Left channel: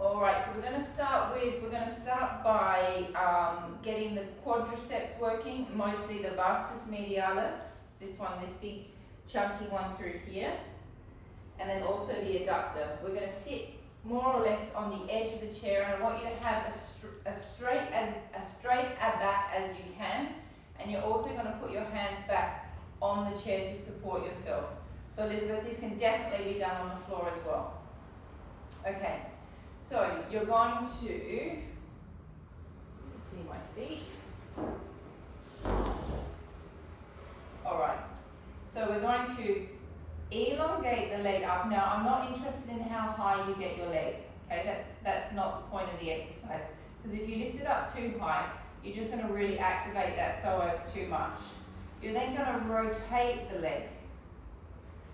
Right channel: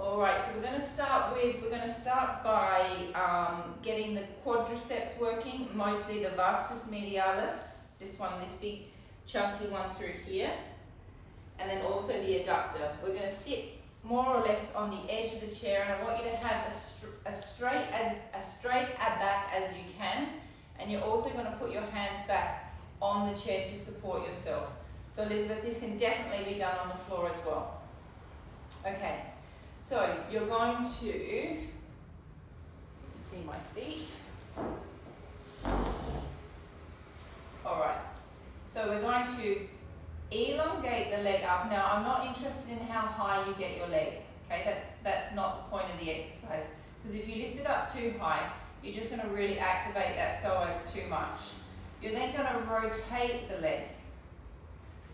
All right, so we're going to start by getting the quadriceps working, mostly the vastus medialis, this big chunky one through here, and then also the adductor. We're going to sit more or less on the edge of the chair, and I want you to have as straight a back as you can, and you're also going to put your hands back on the chair to support yourself. So Elizabeth, this can definitely be done on the floor as well. Okay. So you're going to, you can see my feet. All right, so we're going to elongate the leg up. Now I'm not interested in how high you get your leg, okay? That's not the point of the exercise, because if you lift it up too high, you're just going to really activate that psoas too much. You're then going to rotate the leg.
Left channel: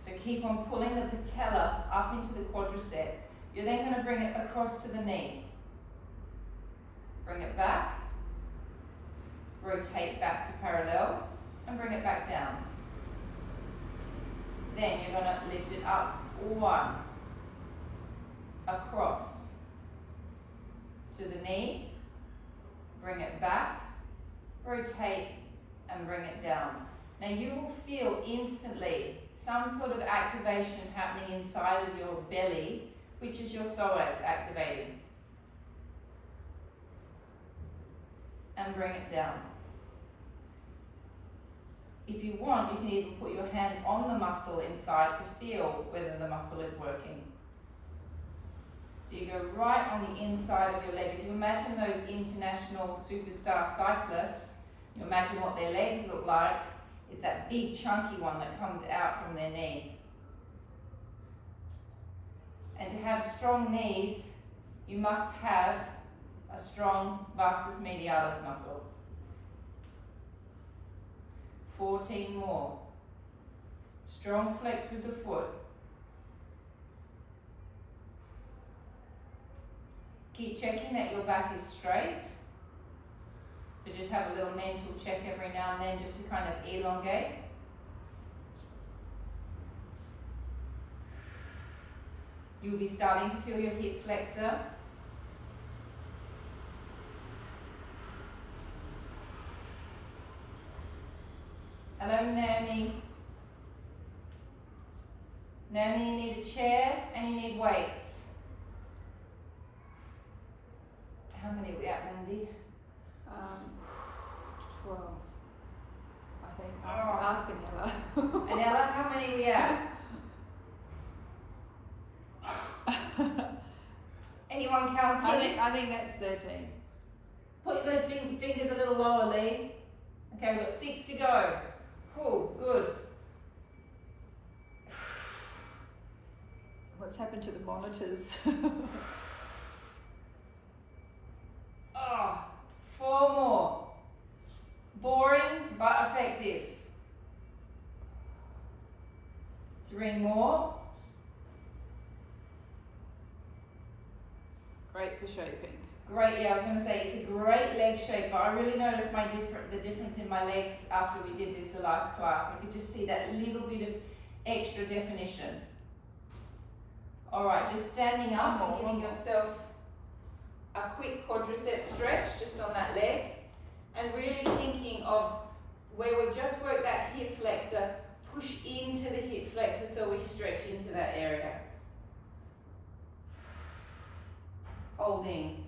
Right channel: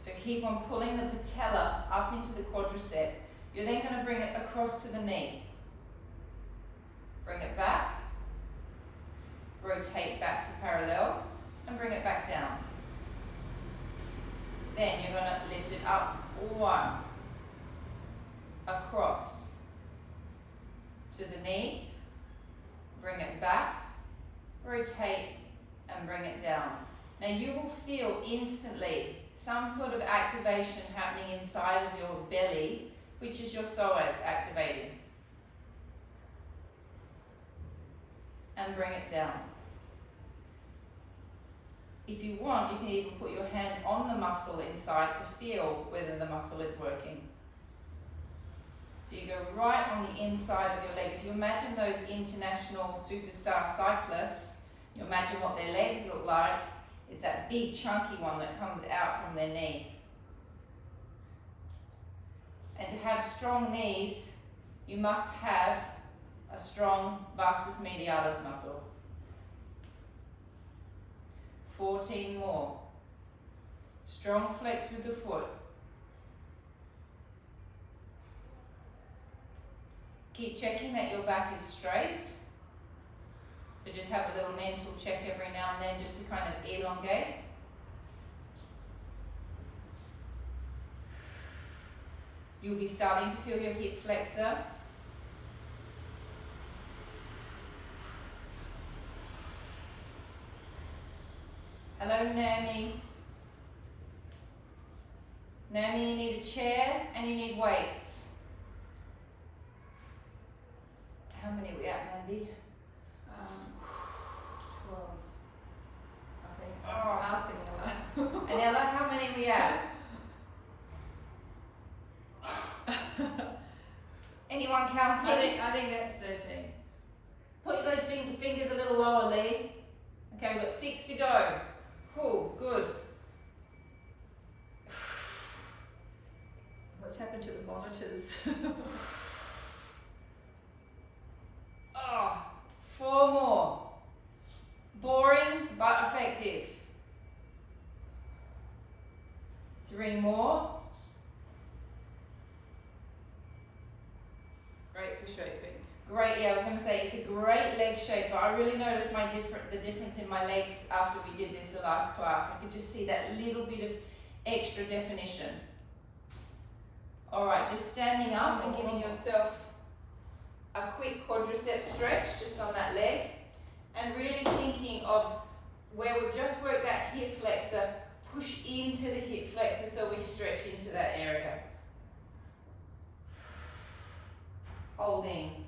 So keep on pulling the patella up into the quadricep. You're then going to bring it across to the knee. Bring it back, rotate back to parallel, and bring it back down. Then you're going to lift it up, one, across to the knee, bring it back, rotate, and bring it down. Now you will feel instantly some sort of activation happening inside of your belly, which is your psoas activating. And bring it down. If you want, you can even put your hand on the muscle inside to feel whether the muscle is working. So you go right on the inside of your leg. If you imagine those international superstar cyclists, you imagine what their legs look like. It's that big chunky one that comes out from their knee. And to have strong knees, you must have a strong vastus medialis muscle. 14 more. Strong flex with the foot. Keep checking that your back is straight. So just have a little mental check every now and then just to kind of elongate. You'll be starting to feel your hip flexor. Hello, Nami. Nami, you need a chair and you need weights. How many are we at, Mandy? 12. I think. Asking Ella. And Ella, how many are we at? Anyone counting? I think that's 13. Put those fingers a little lower, Lee. Okay, we've got 6 to go. Cool, good. What's happened to the monitors? Oh, 4 more. Boring, but effective. 3 more. Great for shaping. Great, yeah, I was going to say it's a great leg shape, but I really noticed the difference in my legs after we did this the last class. I could just see that little bit of extra definition. All right, just standing up and giving yourself a quick quadricep stretch just on that leg, and really thinking of where we've just worked that hip flexor, push into the hip flexor so we stretch into that area. Holding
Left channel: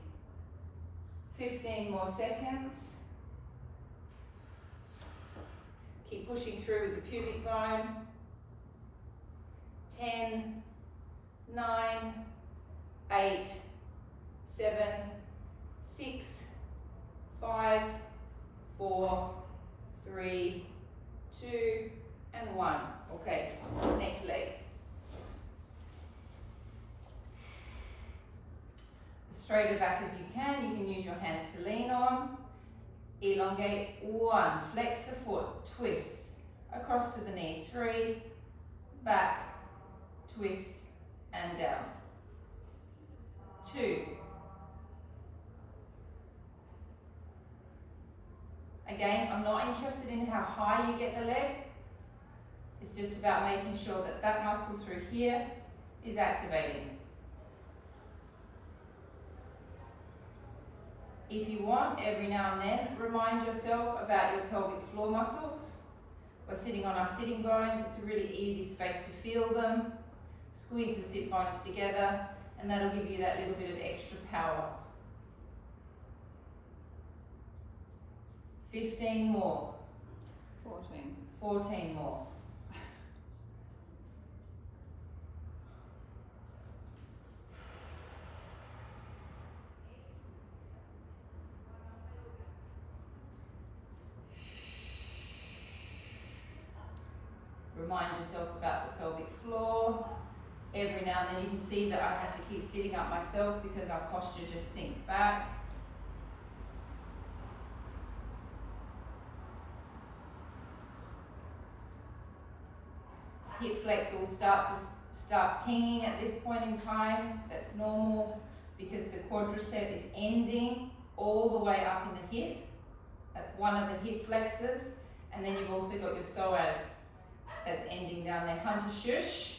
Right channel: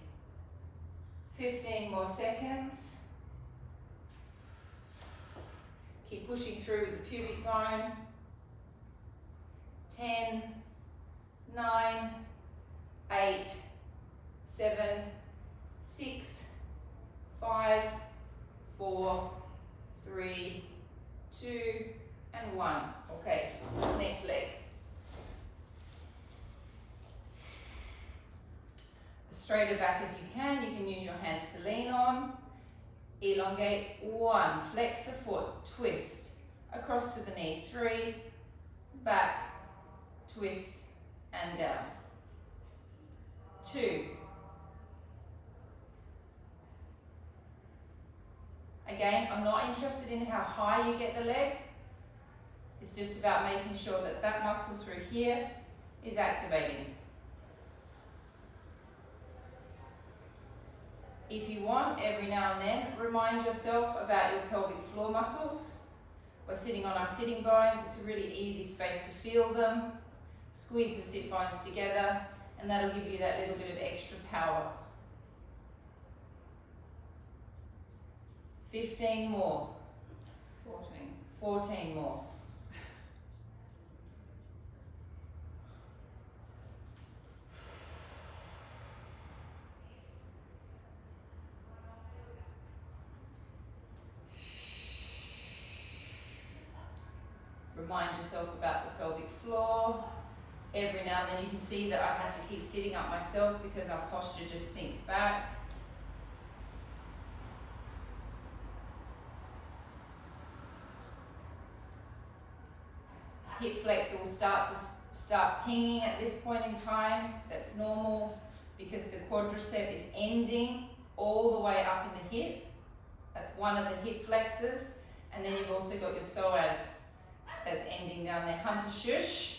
15 more seconds. Keep pushing through with the pubic bone. 10, 9, 8, 7, 6, 5, 4, 3, 2, and 1. Okay, next leg. Straighter back as you can. You can use your hands to lean on. Elongate. 1. Flex the foot. Twist. Across to the knee. 3. Back. Twist. And down. 2. Again, I'm not interested in how high you get the leg. It's just about making sure that that muscle through here is activating. If you want, every now and then, remind yourself about your pelvic floor muscles. We're sitting on our sitting bones. It's a really easy space to feel them. Squeeze the sit bones together, and that'll give you that little bit of extra power. 15 more. 14. 14 more. Remind yourself about the pelvic floor. Every now and then you can see that I have to keep sitting up myself because our posture just sinks back. Hip flex will start pinging at this point in time. That's normal because the quadricep is ending all the way up in the hip. That's one of the hip flexors. And then you've also got your psoas that's ending down there. Hunter shush.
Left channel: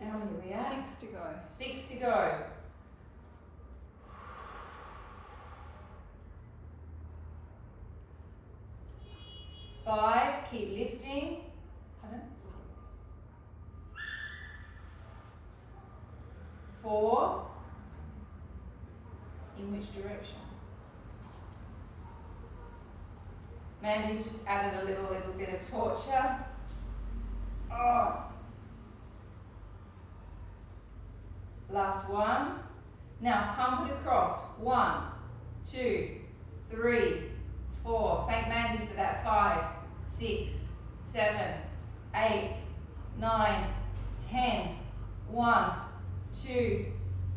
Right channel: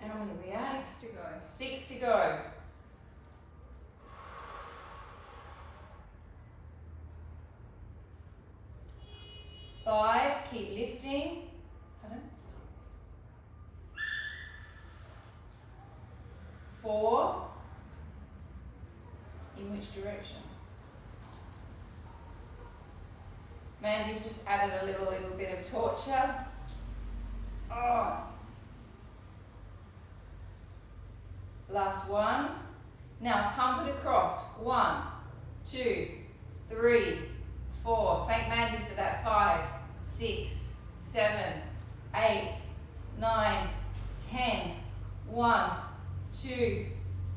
How many are we at? 6 to go. 6 to go. 5, keep lifting. Pardon? 4, in which direction? Mandy's just added a little bit of torture. Oh. Last one. Now pump it across. 1, 2, 3, 4. Thank Mandy for that. 5, 6, 7, 8, 9, 10. 1, 2,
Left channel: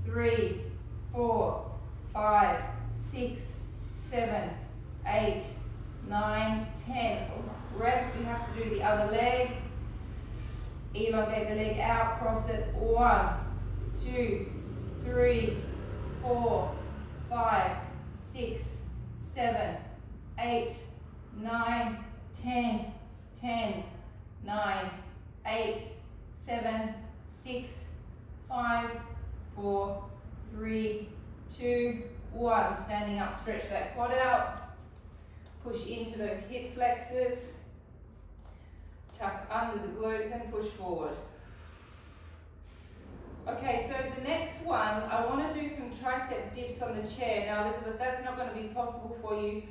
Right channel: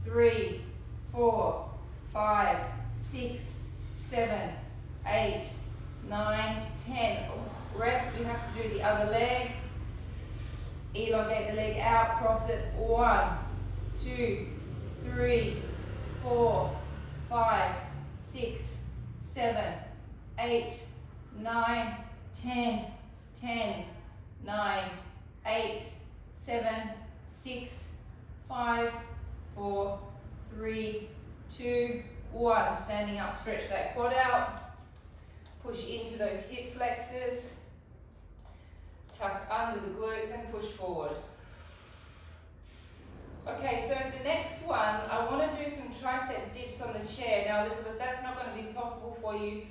3, 4, 5, 6, 7, 8, 9, 10. Rest. You have to do the other leg. Elongate the leg out. Cross it. 1, 2, 3, 4, 5, 6, 7, 8, 9, 10, 10, 9, 8, 7, 6, 5, 4, 3, 2, 1. Standing up, stretch that quad out. Push into those hip flexors. Tuck under the glutes and push forward. Okay, so the next one, I want to do some tricep dips on the chair. Now, Elizabeth, that's not going to be possible for you,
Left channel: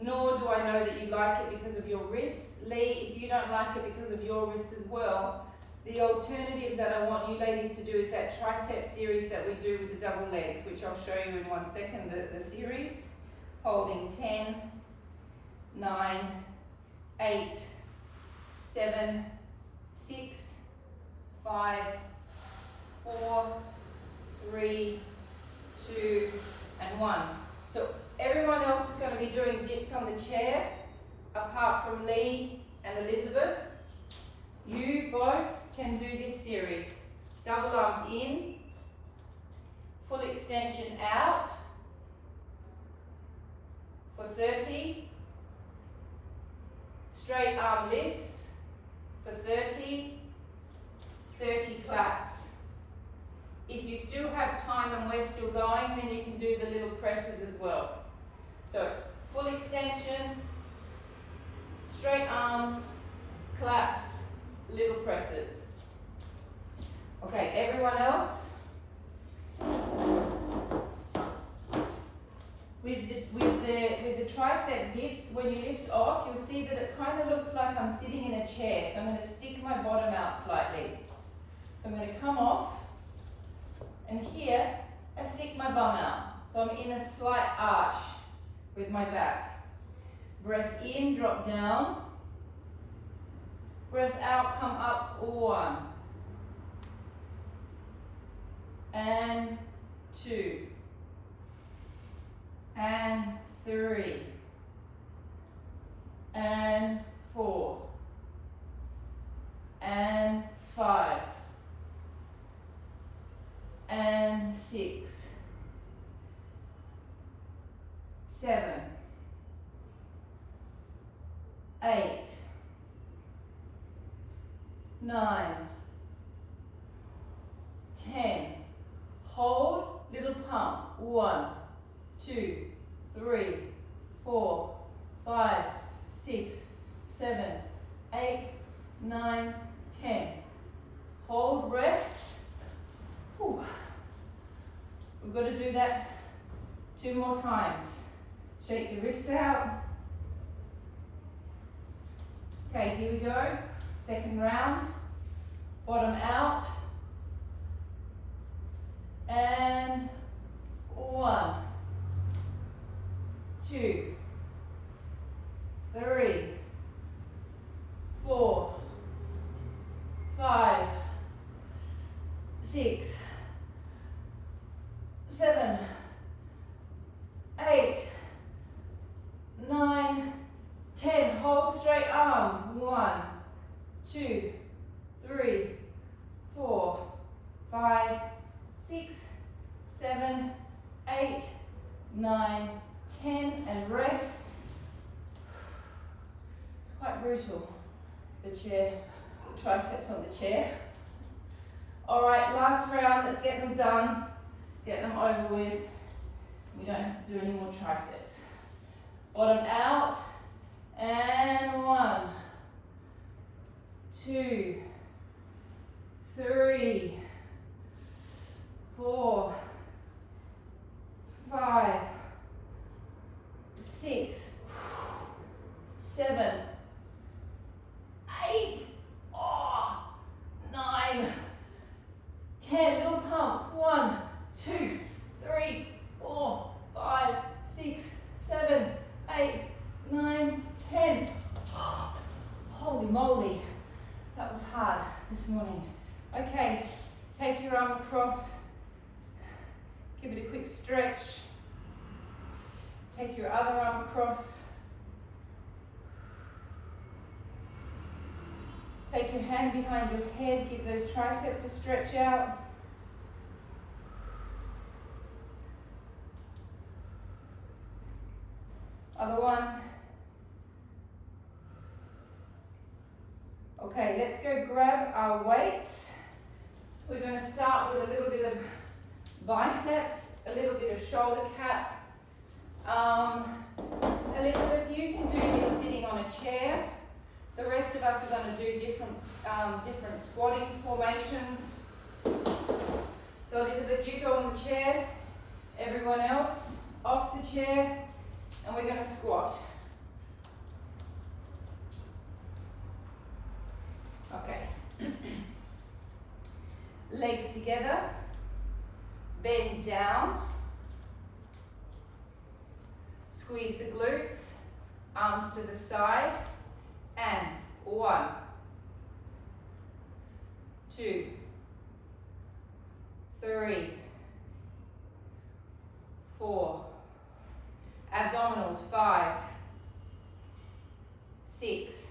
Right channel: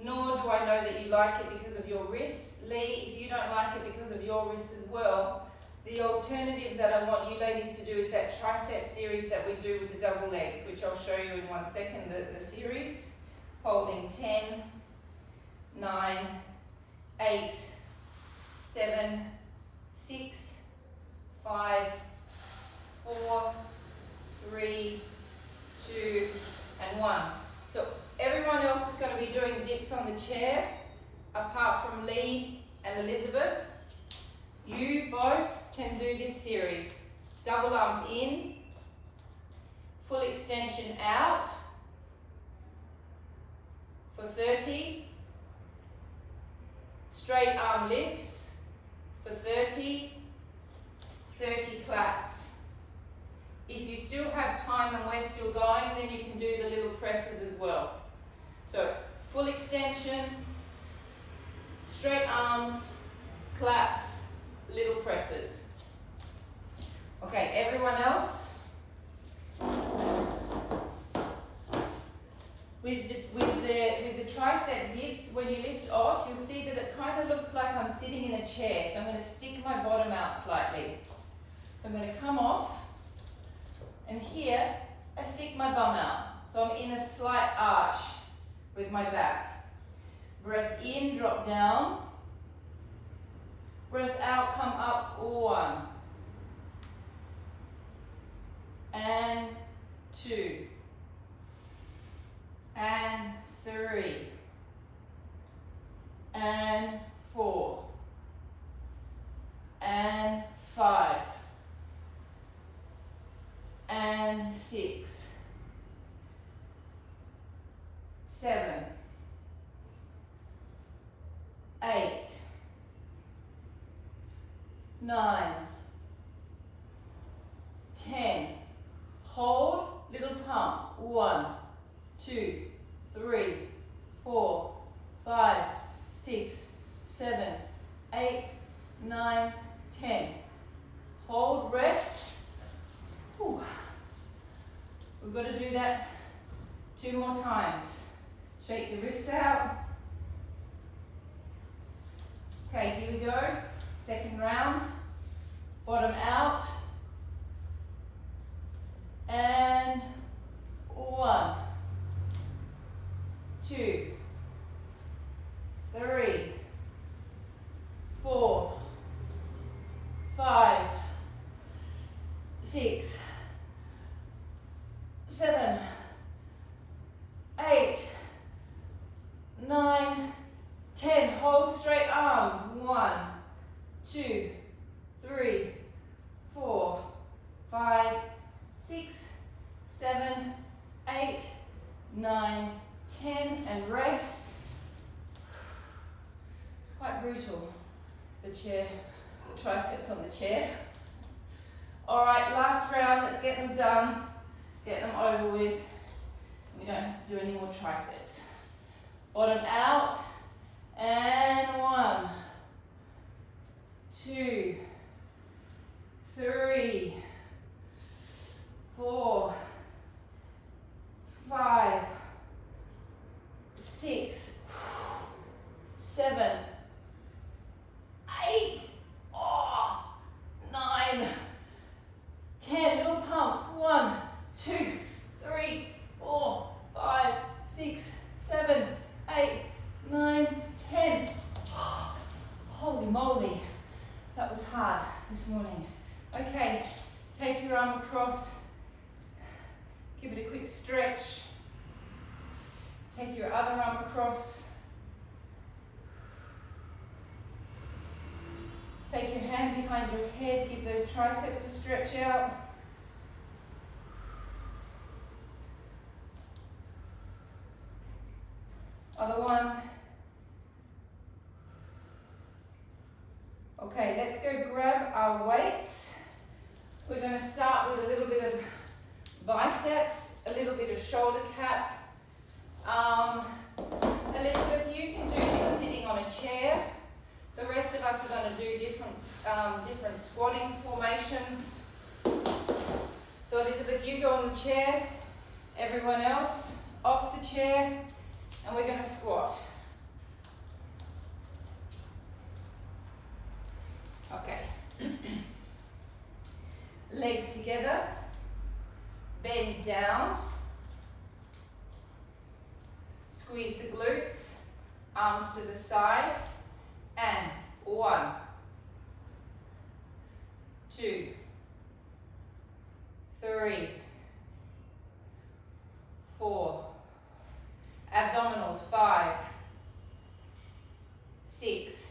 nor do I know that you like it because of your wrists. Lee, if you don't like it because of your wrists as well, the alternative that I want you ladies to do is that tricep series that we do with the double legs, which I'll show you in 1 second, the series. Holding 10, 9, 8, 7, 6, 5, 4, 3, 2, and 1. So everyone else is going to be doing dips on the chair, apart from Lee and Elizabeth. You both can do this series. Double arms in, full extension out for 30, straight arm lifts for 30, 30 claps. If you still have time and we're still going, then you can do the little presses as well. So it's full extension, straight arms, claps, little presses. Okay, everyone else? With the tricep dips, when you lift off, you'll see that it kind of looks like I'm sitting in a chair. So I'm going to stick my bottom out slightly. So I'm going to come off, and here I stick my bum out. So I'm in a slight arch with my back. Breath in, drop down. Breath out, come up. 1 and 2 and 3 and 4 and 5 and 6, 7, 8, 9, 10. Hold, little pumps. 1, 2, 3, 4, 5, 6, 7, 8, 9, 10. Hold, rest. Whew. We've got to do that 2 more times. Shake the wrists out. Okay, here we go. Second round. Bottom out. And 1, 2, 3, 4, 5, 6, 7, 8, 9, 10. Hold straight arms. 1, 2, 3, 4, 5, 6, 7, 8, 9, 10, and rest. It's quite brutal, the chair, the triceps on the chair. All right, last round, let's get them done, get them over with. We don't have to do any more triceps. Bottom out, and 1, 2, 3, 4, 5, 6, 7, 8, 9, 10. Little pumps. 1, 2, 3, 4, 5, 6, 7, 8, 9, 10. Holy moly, that was hard this morning. Okay, take your arm across, give it a quick stretch. Take your other arm across. Take your hand behind your head, give those triceps a stretch out. Other one. Okay, let's go grab our weights. We're going to start with a little bit of biceps, a little bit of shoulder cap. Elizabeth, you can do this sitting on a chair. The rest of us are going to do different squatting formations. So Elizabeth, you go on the chair, everyone else off the chair, and we're going to squat. Okay. Legs together, bend down, squeeze the glutes, arms to the side, and 1, 2, 3, 4, abdominals 5, 6,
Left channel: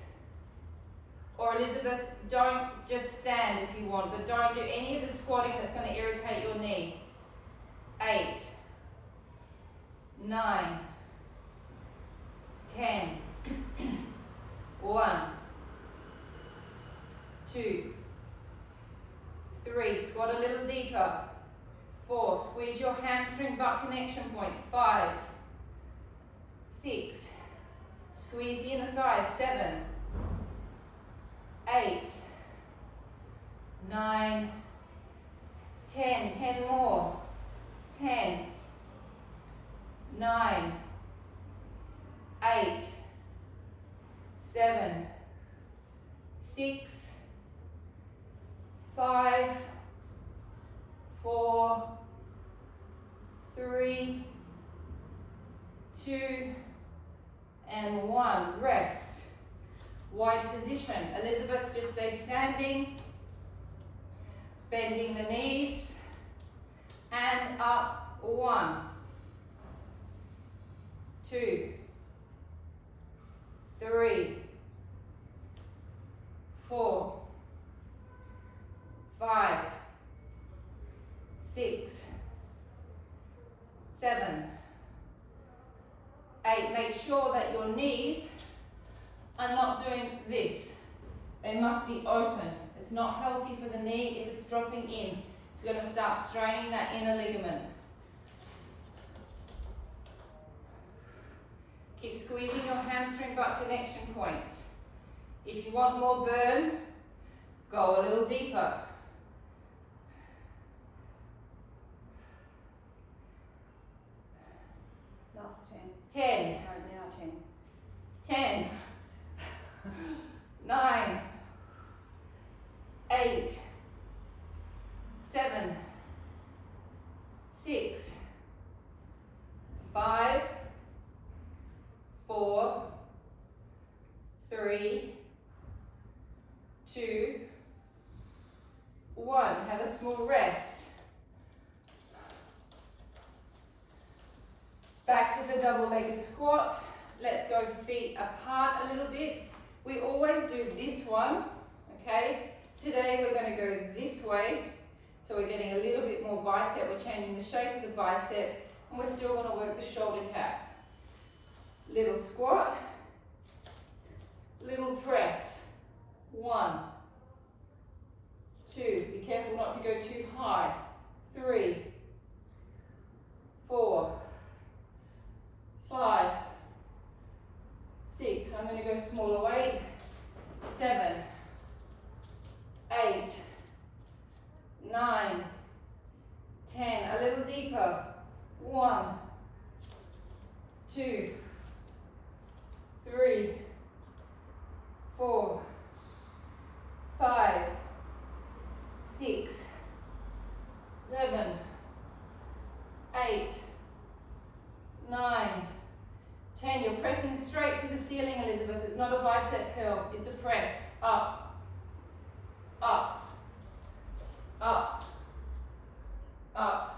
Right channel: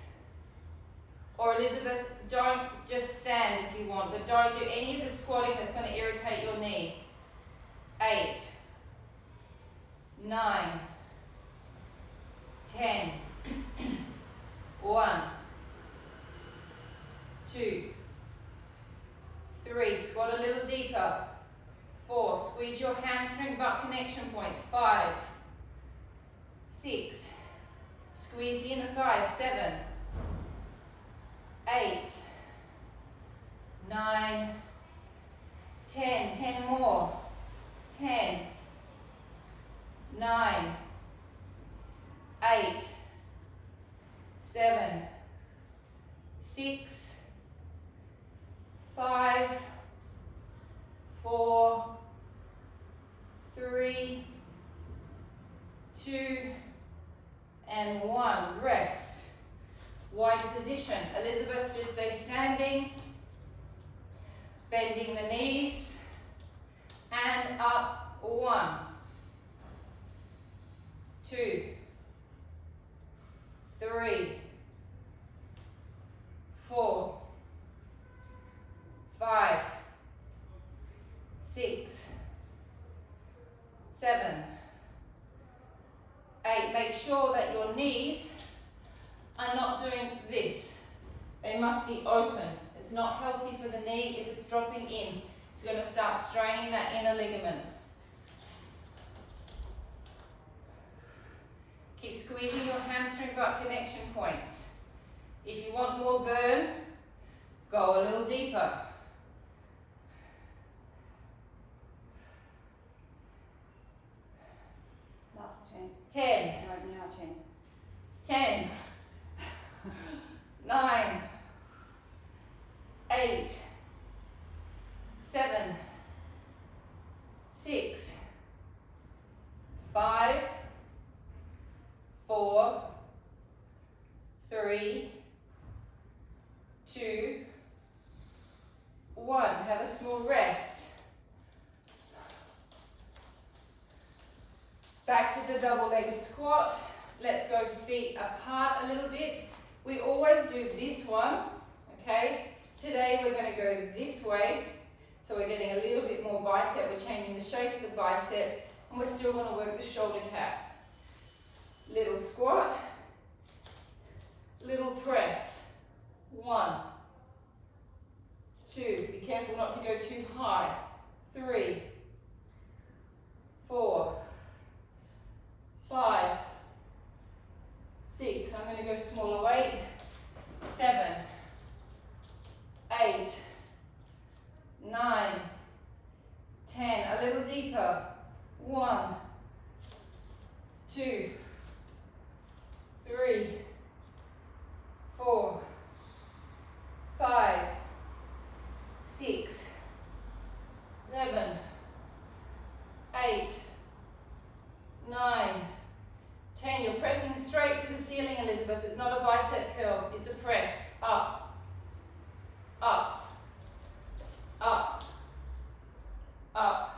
or Elizabeth, don't just stand if you want, but don't do any of the squatting that's going to irritate your knee. 8, 9, 10, 1, 2, 3, squat a little deeper. 4, squeeze your hamstring butt connection points. 5, 6, squeeze the inner thighs. 7, 8, 9, 10, 10 more. 10, 9, 8, 7, 6, 5, 4, 3, 2, and 1. Rest. Wide position. Elizabeth, just stay standing, bending the knees, and up. 1, 2, 3, 4, 5, 6, 7, 8. Make sure that your knees are not doing this. They must be open It's not healthy for the knee if it's dropping in. It's going to start straining that inner ligament. Keep squeezing your hamstring butt connection points. If you want more burn, go a little deeper. Last 10. Right now, 10. 9. 8. 7. 6. 5. 4. 3. 2. 1. Have a small rest. Back to the double-legged squat. Let's go feet apart a little bit. We always do this one, okay? Today we're going to go this way. So we're getting a little bit more bicep. We're changing the shape of the bicep, and we're still going to work the shoulder cap. Little squat, little press. 1, 2, be careful not to go too high. 3, 4, 5, 6, I'm going to go smaller weight. 7, 8, 9, 10, a little deeper. 1, 2, 3, 4, 5, 6, 7, 8, 9, 10. You're pressing straight to the ceiling, Elizabeth. It's not a bicep curl, it's a press. Up, up, up, up.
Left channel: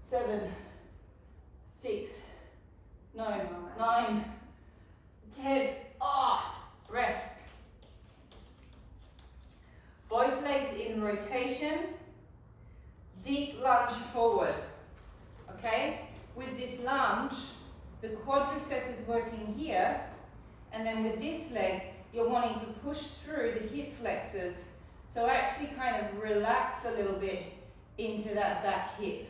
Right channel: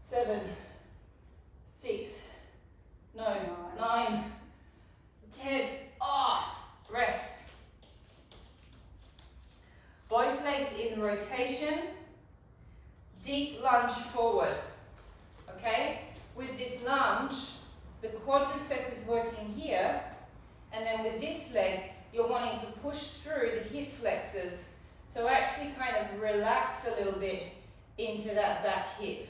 7, 6, no, 9, 10. Rest. Both legs in rotation. Deep lunge forward. Okay? With this lunge, the quadricep is working here, and then with this leg, you're wanting to push through the hip flexors. So actually kind of relax a little bit into that back hip.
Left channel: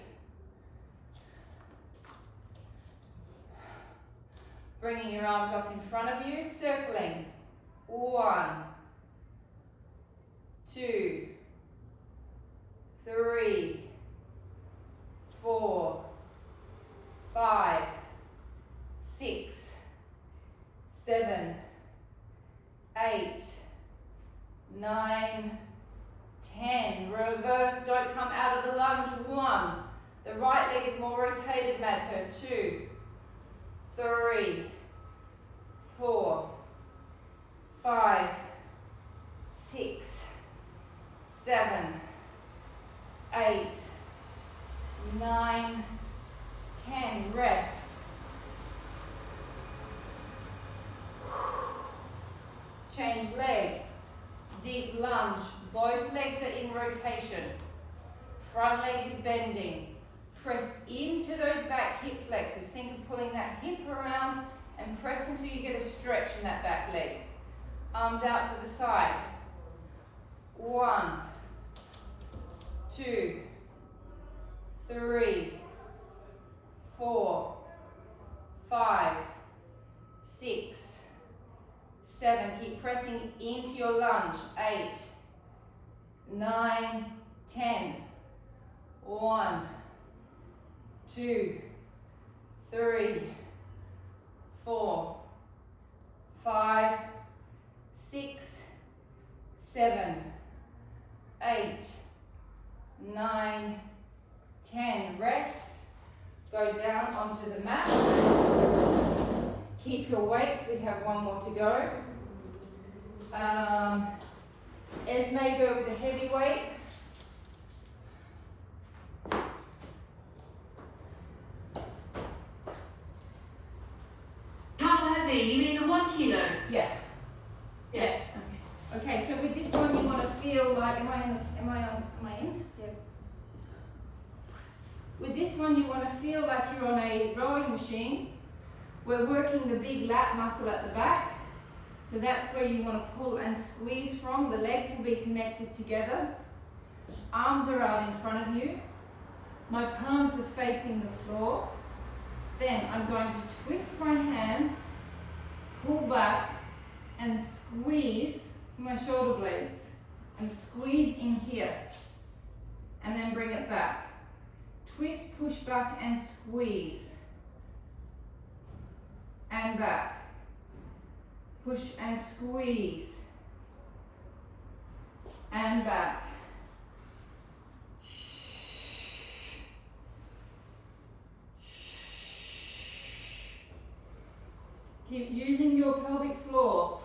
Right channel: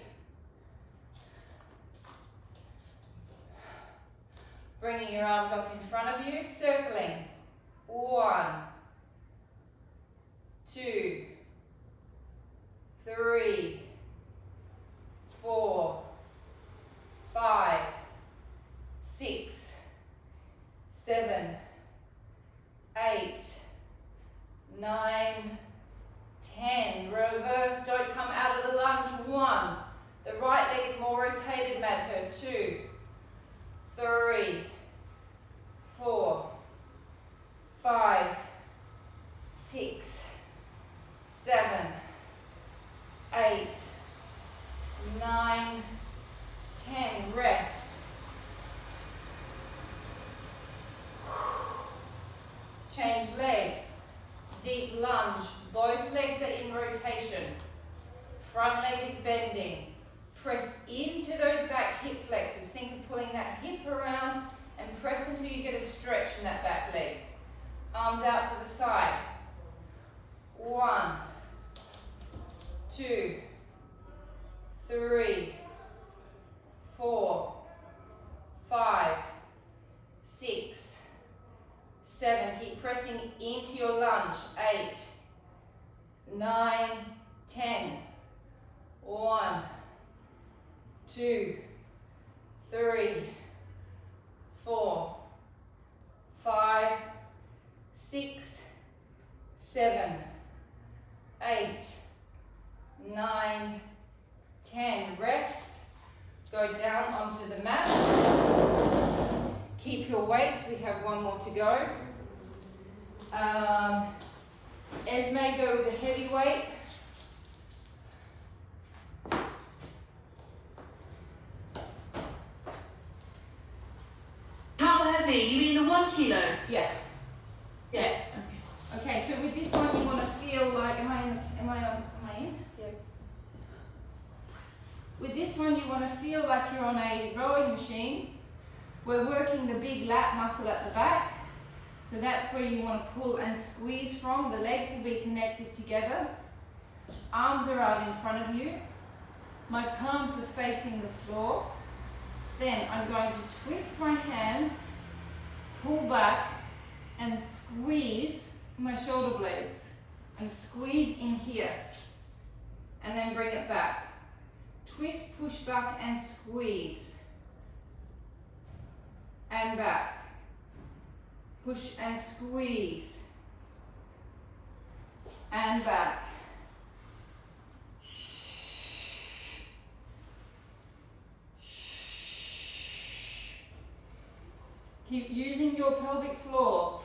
Bringing your arms up in front of you, circling. 1, 2, 3, 4, 5, 6, 7, 8, 9, 10. Reverse, don't come out of the lunge. 1. The right leg is more rotated, Madhu. 2, 3, 4, 5, 6, 7, 8, 9, 10. Rest. Change leg. Deep lunge. Both legs are in rotation. Front leg is bending. Press into those back hip flexors. Think of pulling that hip around and press until you get a stretch in that back leg. Arms out to the side. 1, 2, 3, 4, 5, 6, 7. Keep pressing into your lunge. 8, 9, 10. 1, 2, 3, 4, 5, 6, 7, 8, 9, 10. Rest. Go down onto the mats. Keep your weights. We have one more to go. Esme, go with the heavy weight. How heavy? You mean the 1 kilo? Yeah. Yeah. Okay, so with this one you want to feel like, am I in? Yep. With this one you want to feel like you're on a rowing machine We're working the big lat muscle at the back. So that's where you want to pull and squeeze from. The legs will be connected together. Arms are out in front of you. My palms are facing the floor. Then I'm going to twist my hands, pull back, and squeeze my shoulder blades. And squeeze in here. And then bring it back. Twist, push back, and squeeze. And back. Push and squeeze. And back. Keep using your pelvic floor.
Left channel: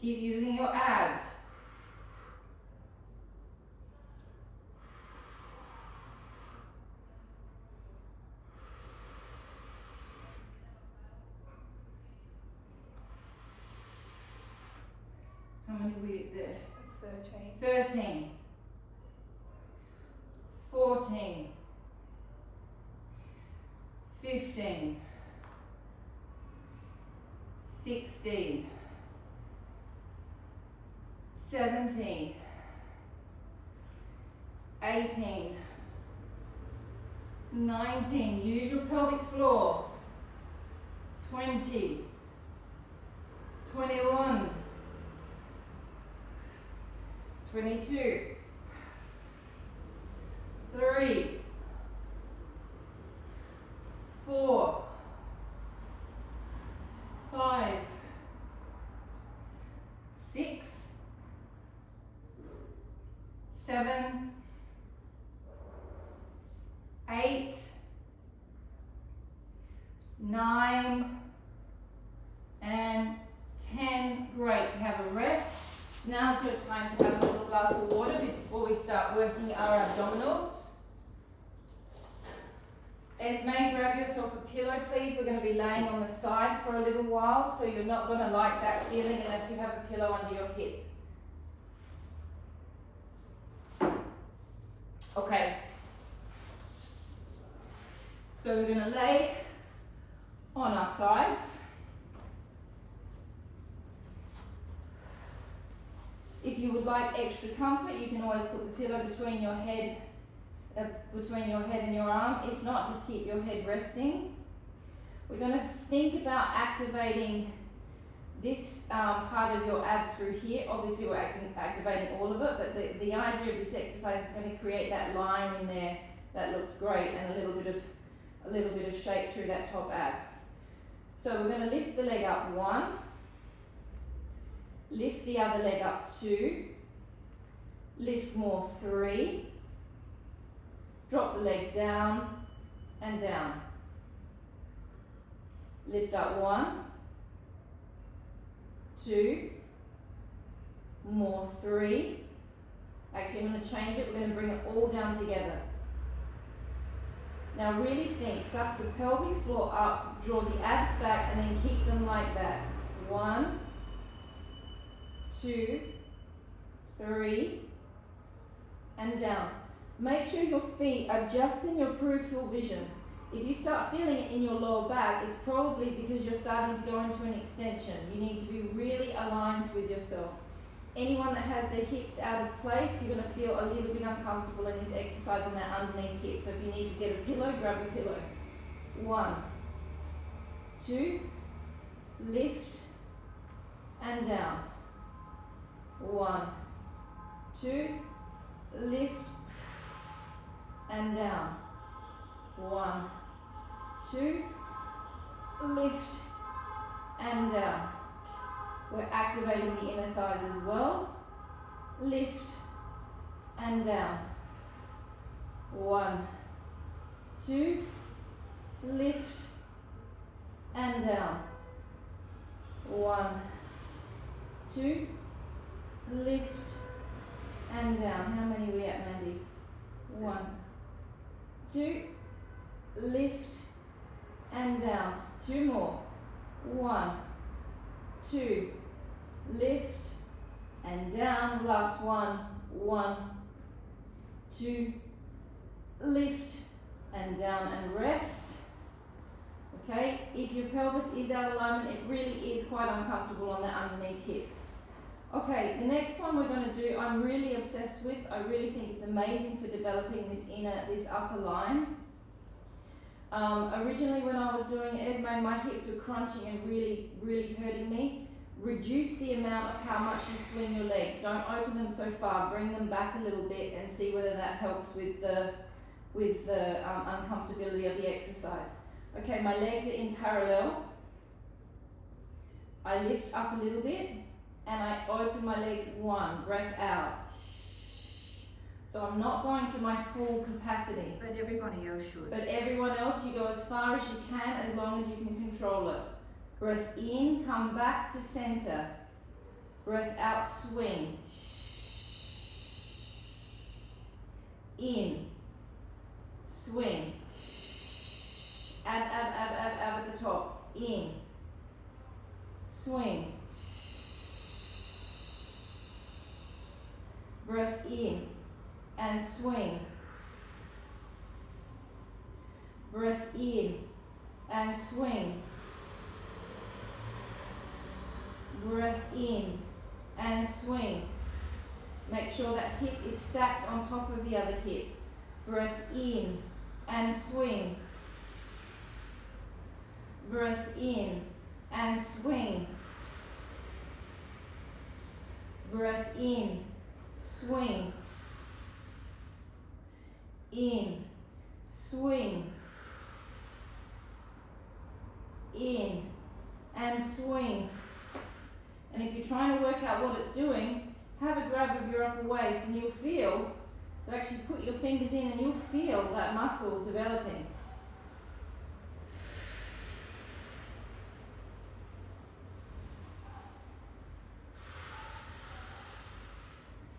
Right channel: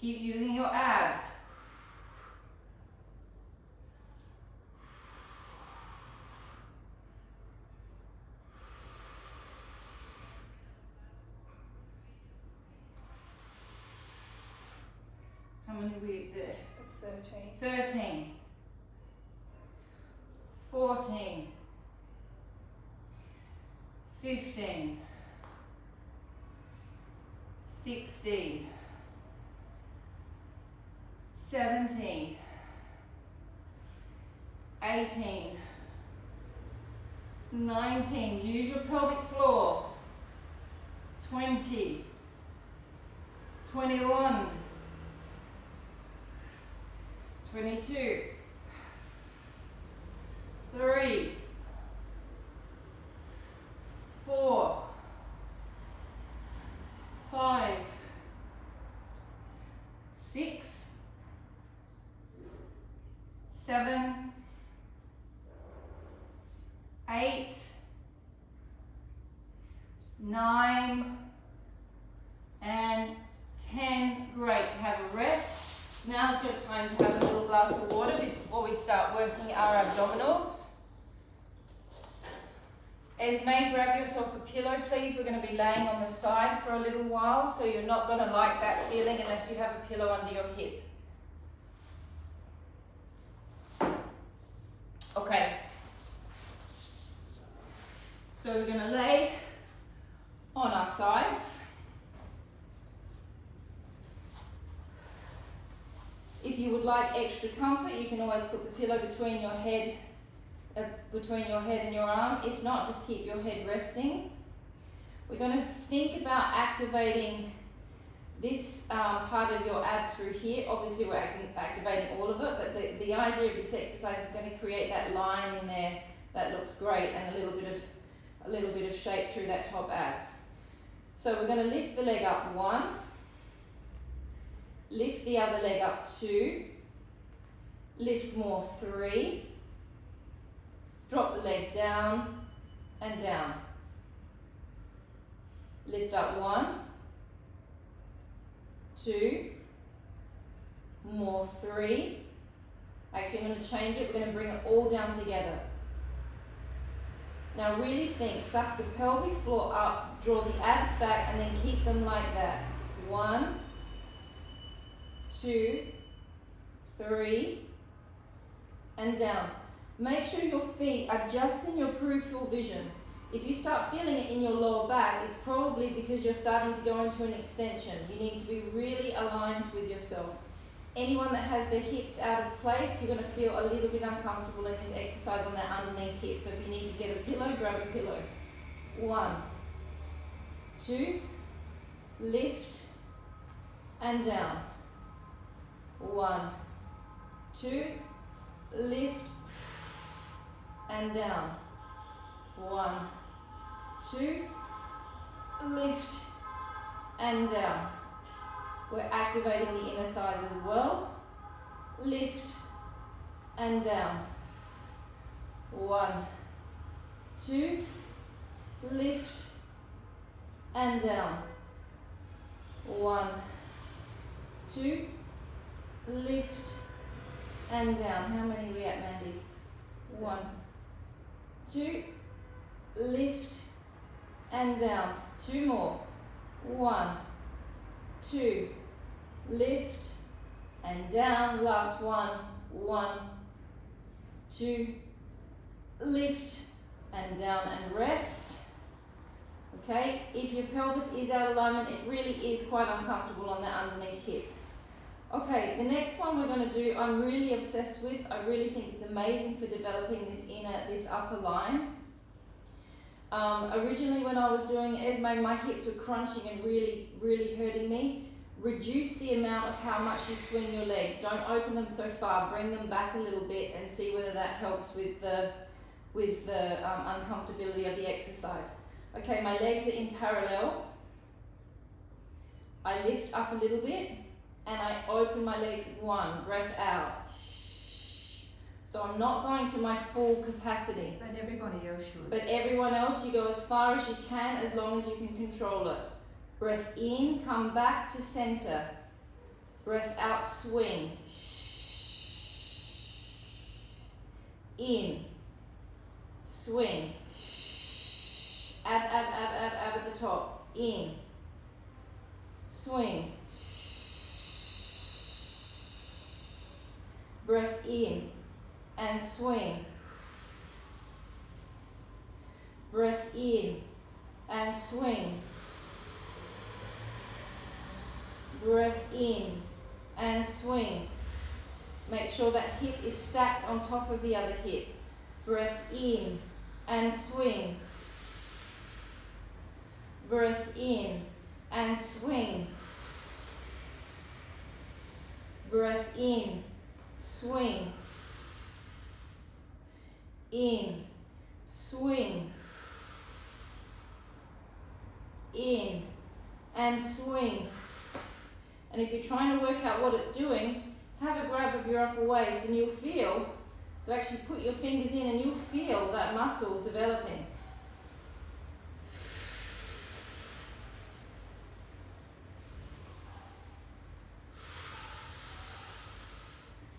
Keep using your abs. How many are we there? It's 13. 13. 14. 15. 16. 17, 18, 19, use your pelvic floor, 20, 21, 22, 3, 4, 5, 6, 7, 8, 9, and 10. Great, have a rest. Now's your time to have a little glass of water before we start working our abdominals. Esme, grab yourself a pillow, please. We're going to be laying on the side for a little while, so you're not going to like that feeling unless you have a pillow under your hip. Okay, so we're going to lay on our sides. If you would like extra comfort, you can always put the pillow between your head and your arm. If not, just keep your head resting. We're going to think about activating this part of your ab through here. Obviously we're activating all of it, but the idea of this exercise is going to create that line in there that looks great and a little bit of shape through that top ab. So we're going to lift the leg up 1, lift the other leg up 2, lift more 3, drop the leg down and down. Lift up 1, 2, more 3. Actually, I'm going to change it. We're going to bring it all down together. Now really think, suck the pelvic floor up, draw the abs back, and then keep them like that. 1, 2, 3, and down. Make sure your feet are just in your peripheral vision. If you start feeling it in your lower back, it's probably because you're starting to go into an extension. You need to be really aligned with yourself. Anyone that has their hips out of place, you're going to feel a little bit uncomfortable in this exercise on that underneath hip. So if you need to get a pillow, grab a pillow. 1, 2, lift and down. 1, 2, lift and down. 1, 2, lift and down. We're activating the inner thighs as well. Lift and down. 1, 2, lift and down. 1, 2, lift and down. How many are we at, Mandy? 1, 2, lift and down. 2 more. 1, 2, lift and down, last one, 1, 2, lift and down and rest. Okay, if your pelvis is out of alignment, it really is quite uncomfortable on that underneath hip. Okay, the next one we're going to do, I'm really obsessed with. I really think it's amazing for developing this upper line. Originally when I was doing it, my hips were crunching and really, really hurting me. Reduce the amount of how much you swing your legs. Don't open them so far. Bring them back a little bit and see whether that helps with the uncomfortability of the exercise. Okay, my legs are in parallel. I lift up a little bit and I open my legs, 1, breath out. So I'm not going to my full capacity. But everybody else should. But everyone else, you go as far as you can, as long as you can control it. Breath in, come back to center. Breath out, swing. In, swing. Ab at the top. In, swing. Breath in and swing. Breath in and swing. Breath in and swing. Make sure that hip is stacked on top of the other hip. Breath in and swing. Breath in and swing. Breath in, swing. In, swing. In and swing. And if you're trying to work out what it's doing, have a grab of your upper waist and you'll feel, so actually put your fingers in and you'll feel that muscle developing.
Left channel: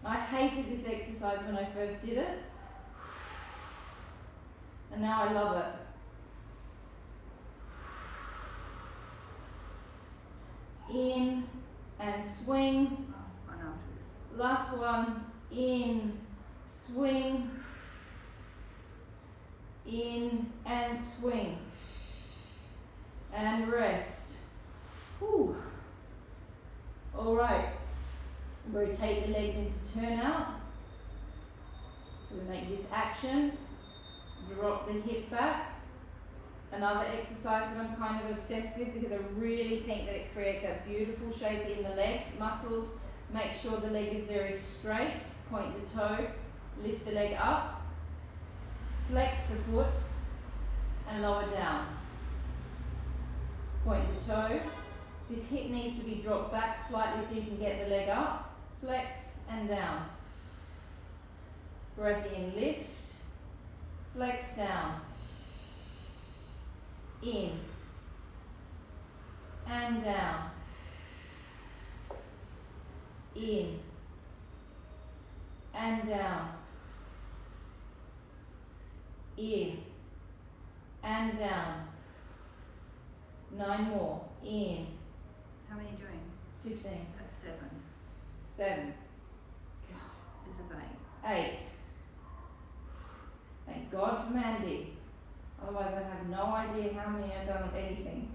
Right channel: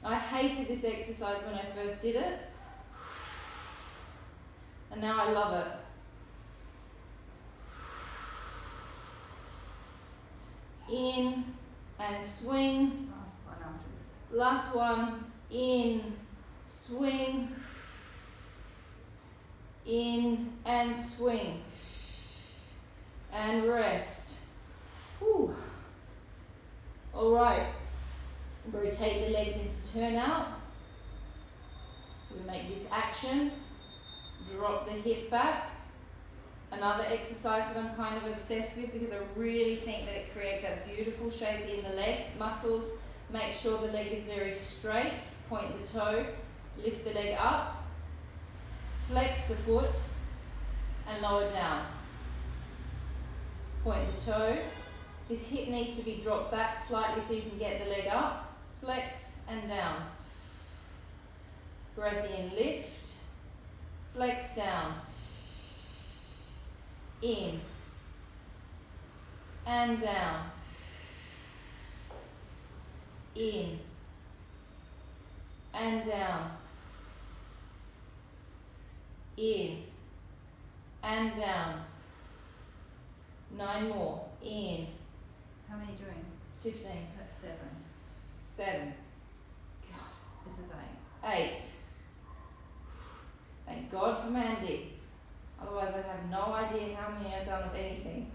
I hated this exercise when I first did it, and now I love it. In and swing. Last one after this. Last one. In, swing. In and swing. And rest. Whew. All right. Rotate the legs into turnout. So we make this action. Drop the hip back. Another exercise that I'm kind of obsessed with because I really think that it creates a beautiful shape in the leg muscles. Make sure the leg is very straight. Point the toe. Lift the leg up. Flex the foot and lower down. Point the toe. This hip needs to be dropped back slightly so you can get the leg up. Flex and down. Breath in, lift. Flex down. In and down. In and down. In and down. 9 more. In. How many doing? 15. That's 7. 7. This is 8. 8. Thank God for Mandy. Otherwise I'd have no idea how many I've done of anything.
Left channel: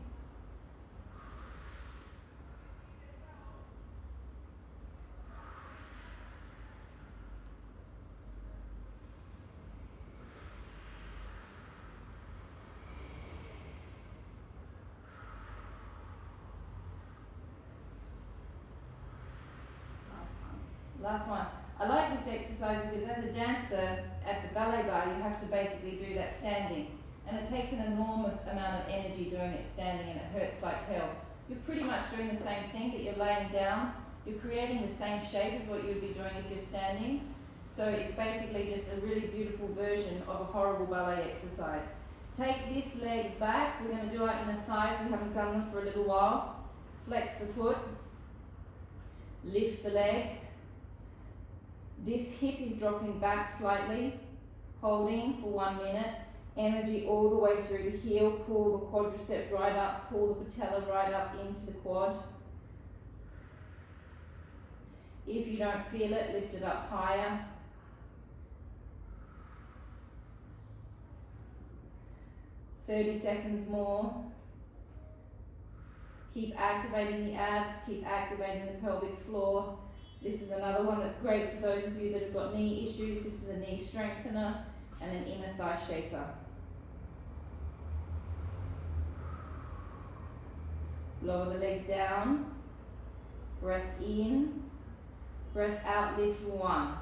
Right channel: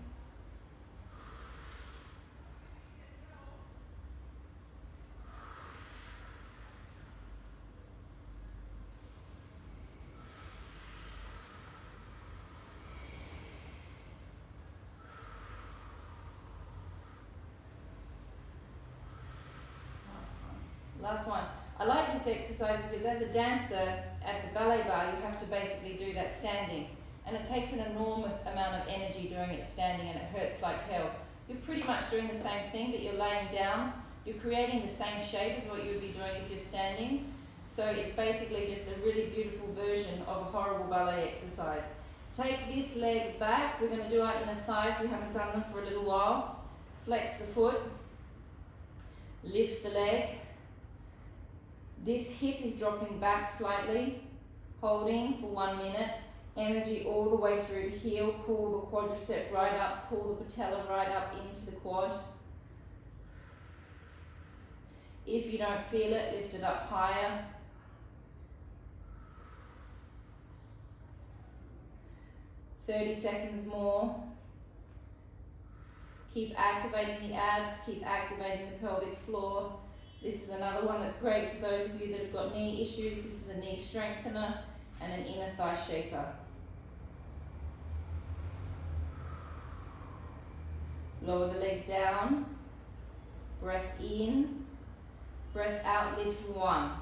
Last one. I like this exercise because as a dancer at the ballet bar, you have to basically do that standing. And it takes an enormous amount of energy doing it standing and it hurts like hell. You're pretty much doing the same thing, but you're laying down. You're creating the same shape as what you'd be doing if you're standing. So it's basically just a really beautiful version of a horrible ballet exercise. Take this leg back. We're going to do our inner thighs. We haven't done them for a little while. Flex the foot. Lift the leg. This hip is dropping back slightly, holding for 1 minute. Energy all the way through the heel. Pull the quadricep right up. Pull the patella right up into the quad. If you don't feel it, lift it up higher. "30 seconds more. Keep activating the abs, keep activating the pelvic floor. This is another one that's great for those of you that have got knee issues. This is a knee strengthener and an inner thigh shaper. Lower the leg down. Breath in. Breath out, lift 1.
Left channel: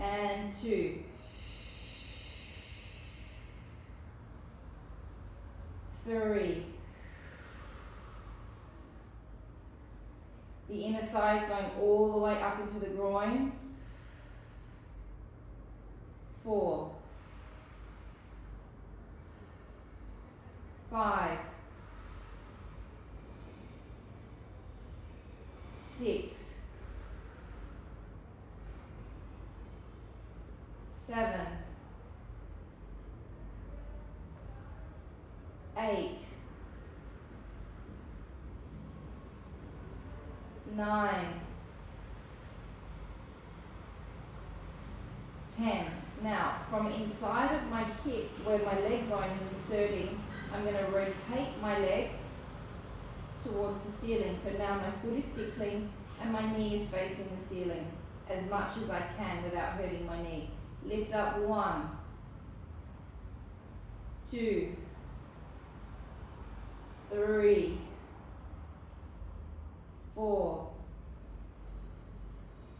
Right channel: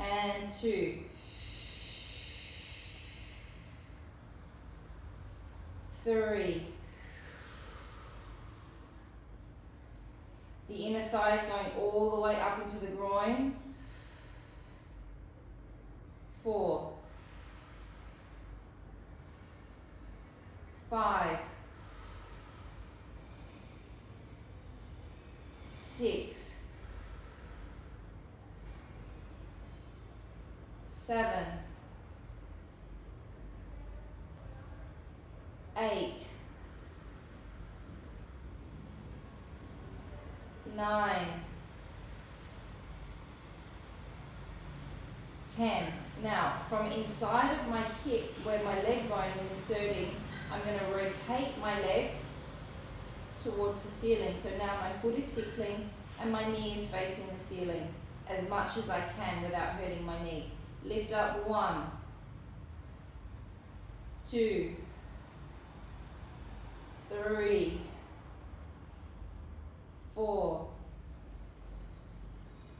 And 2. 3. The inner thigh is going all the way up into the groin. 4. 5. 6. 7. 8. 9. 10. Now, from inside of my hip, where my leg bone is inserting, I'm going to rotate my leg towards the ceiling. So now my foot is sickling and my knee is facing the ceiling as much as I can without hurting my knee. Lift up 1, 2, 3, 4,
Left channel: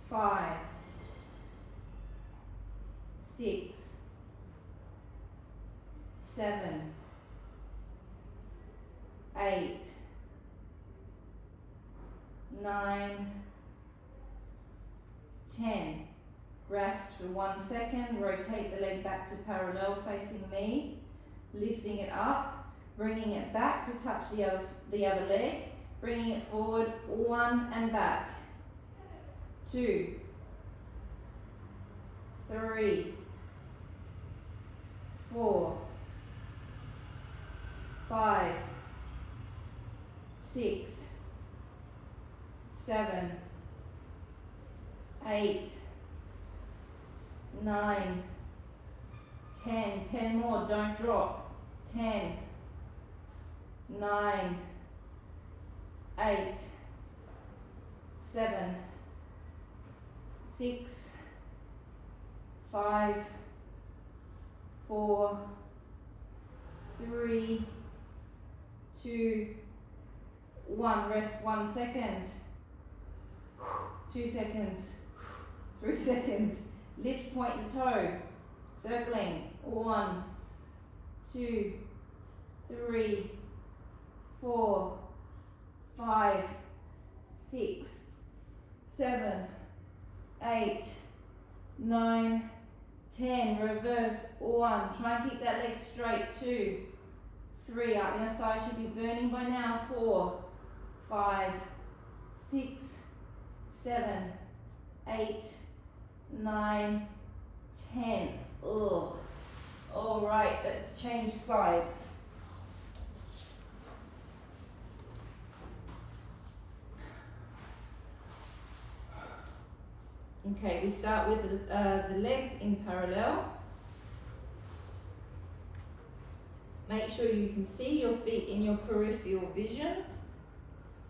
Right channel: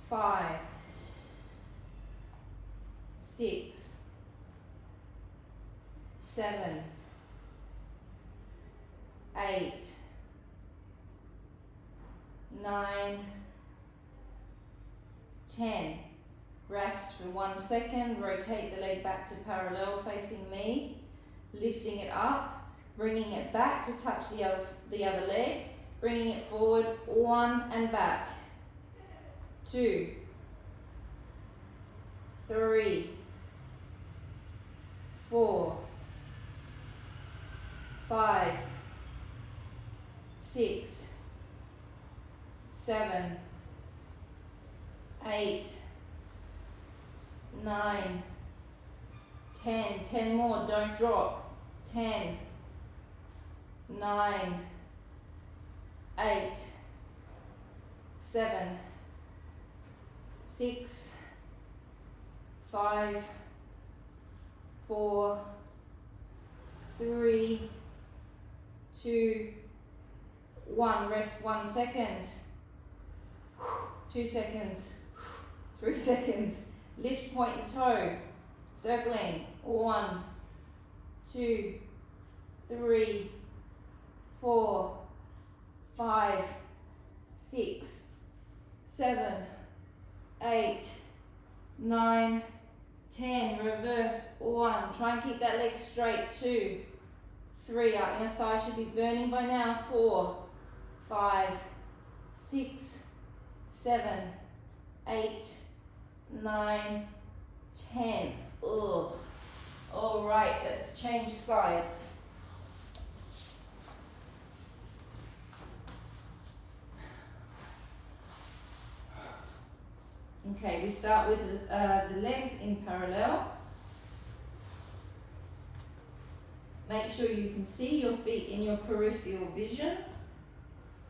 5, 6, 7, 8, 9, 10. Rest for 1 second. Rotate the leg back to parallel facing me. Lifting it up, bringing it back to touch the other leg, bringing it forward, 1 and back. 2, 3, 4, 5, 6, 7, 8, 9, 10. 10 more, don't drop. 10, 9, 8, 7, 6, 5, 4, 3, 2, 1. Rest 1 second. 2 seconds. 3 seconds. Lift, point the toe. Circling. 1, 2, 3, 4, 5, 6, 7, 8, 9, 10. Reverse. 1. Try and keep that leg straight. 2, 3. Our inner thigh should be burning by now. 4, 5, 6, 7, 8, 9, 10. Ugh. All right, let's change sides. Okay, we start with the legs in parallel. Make sure you can see your feet in your peripheral vision.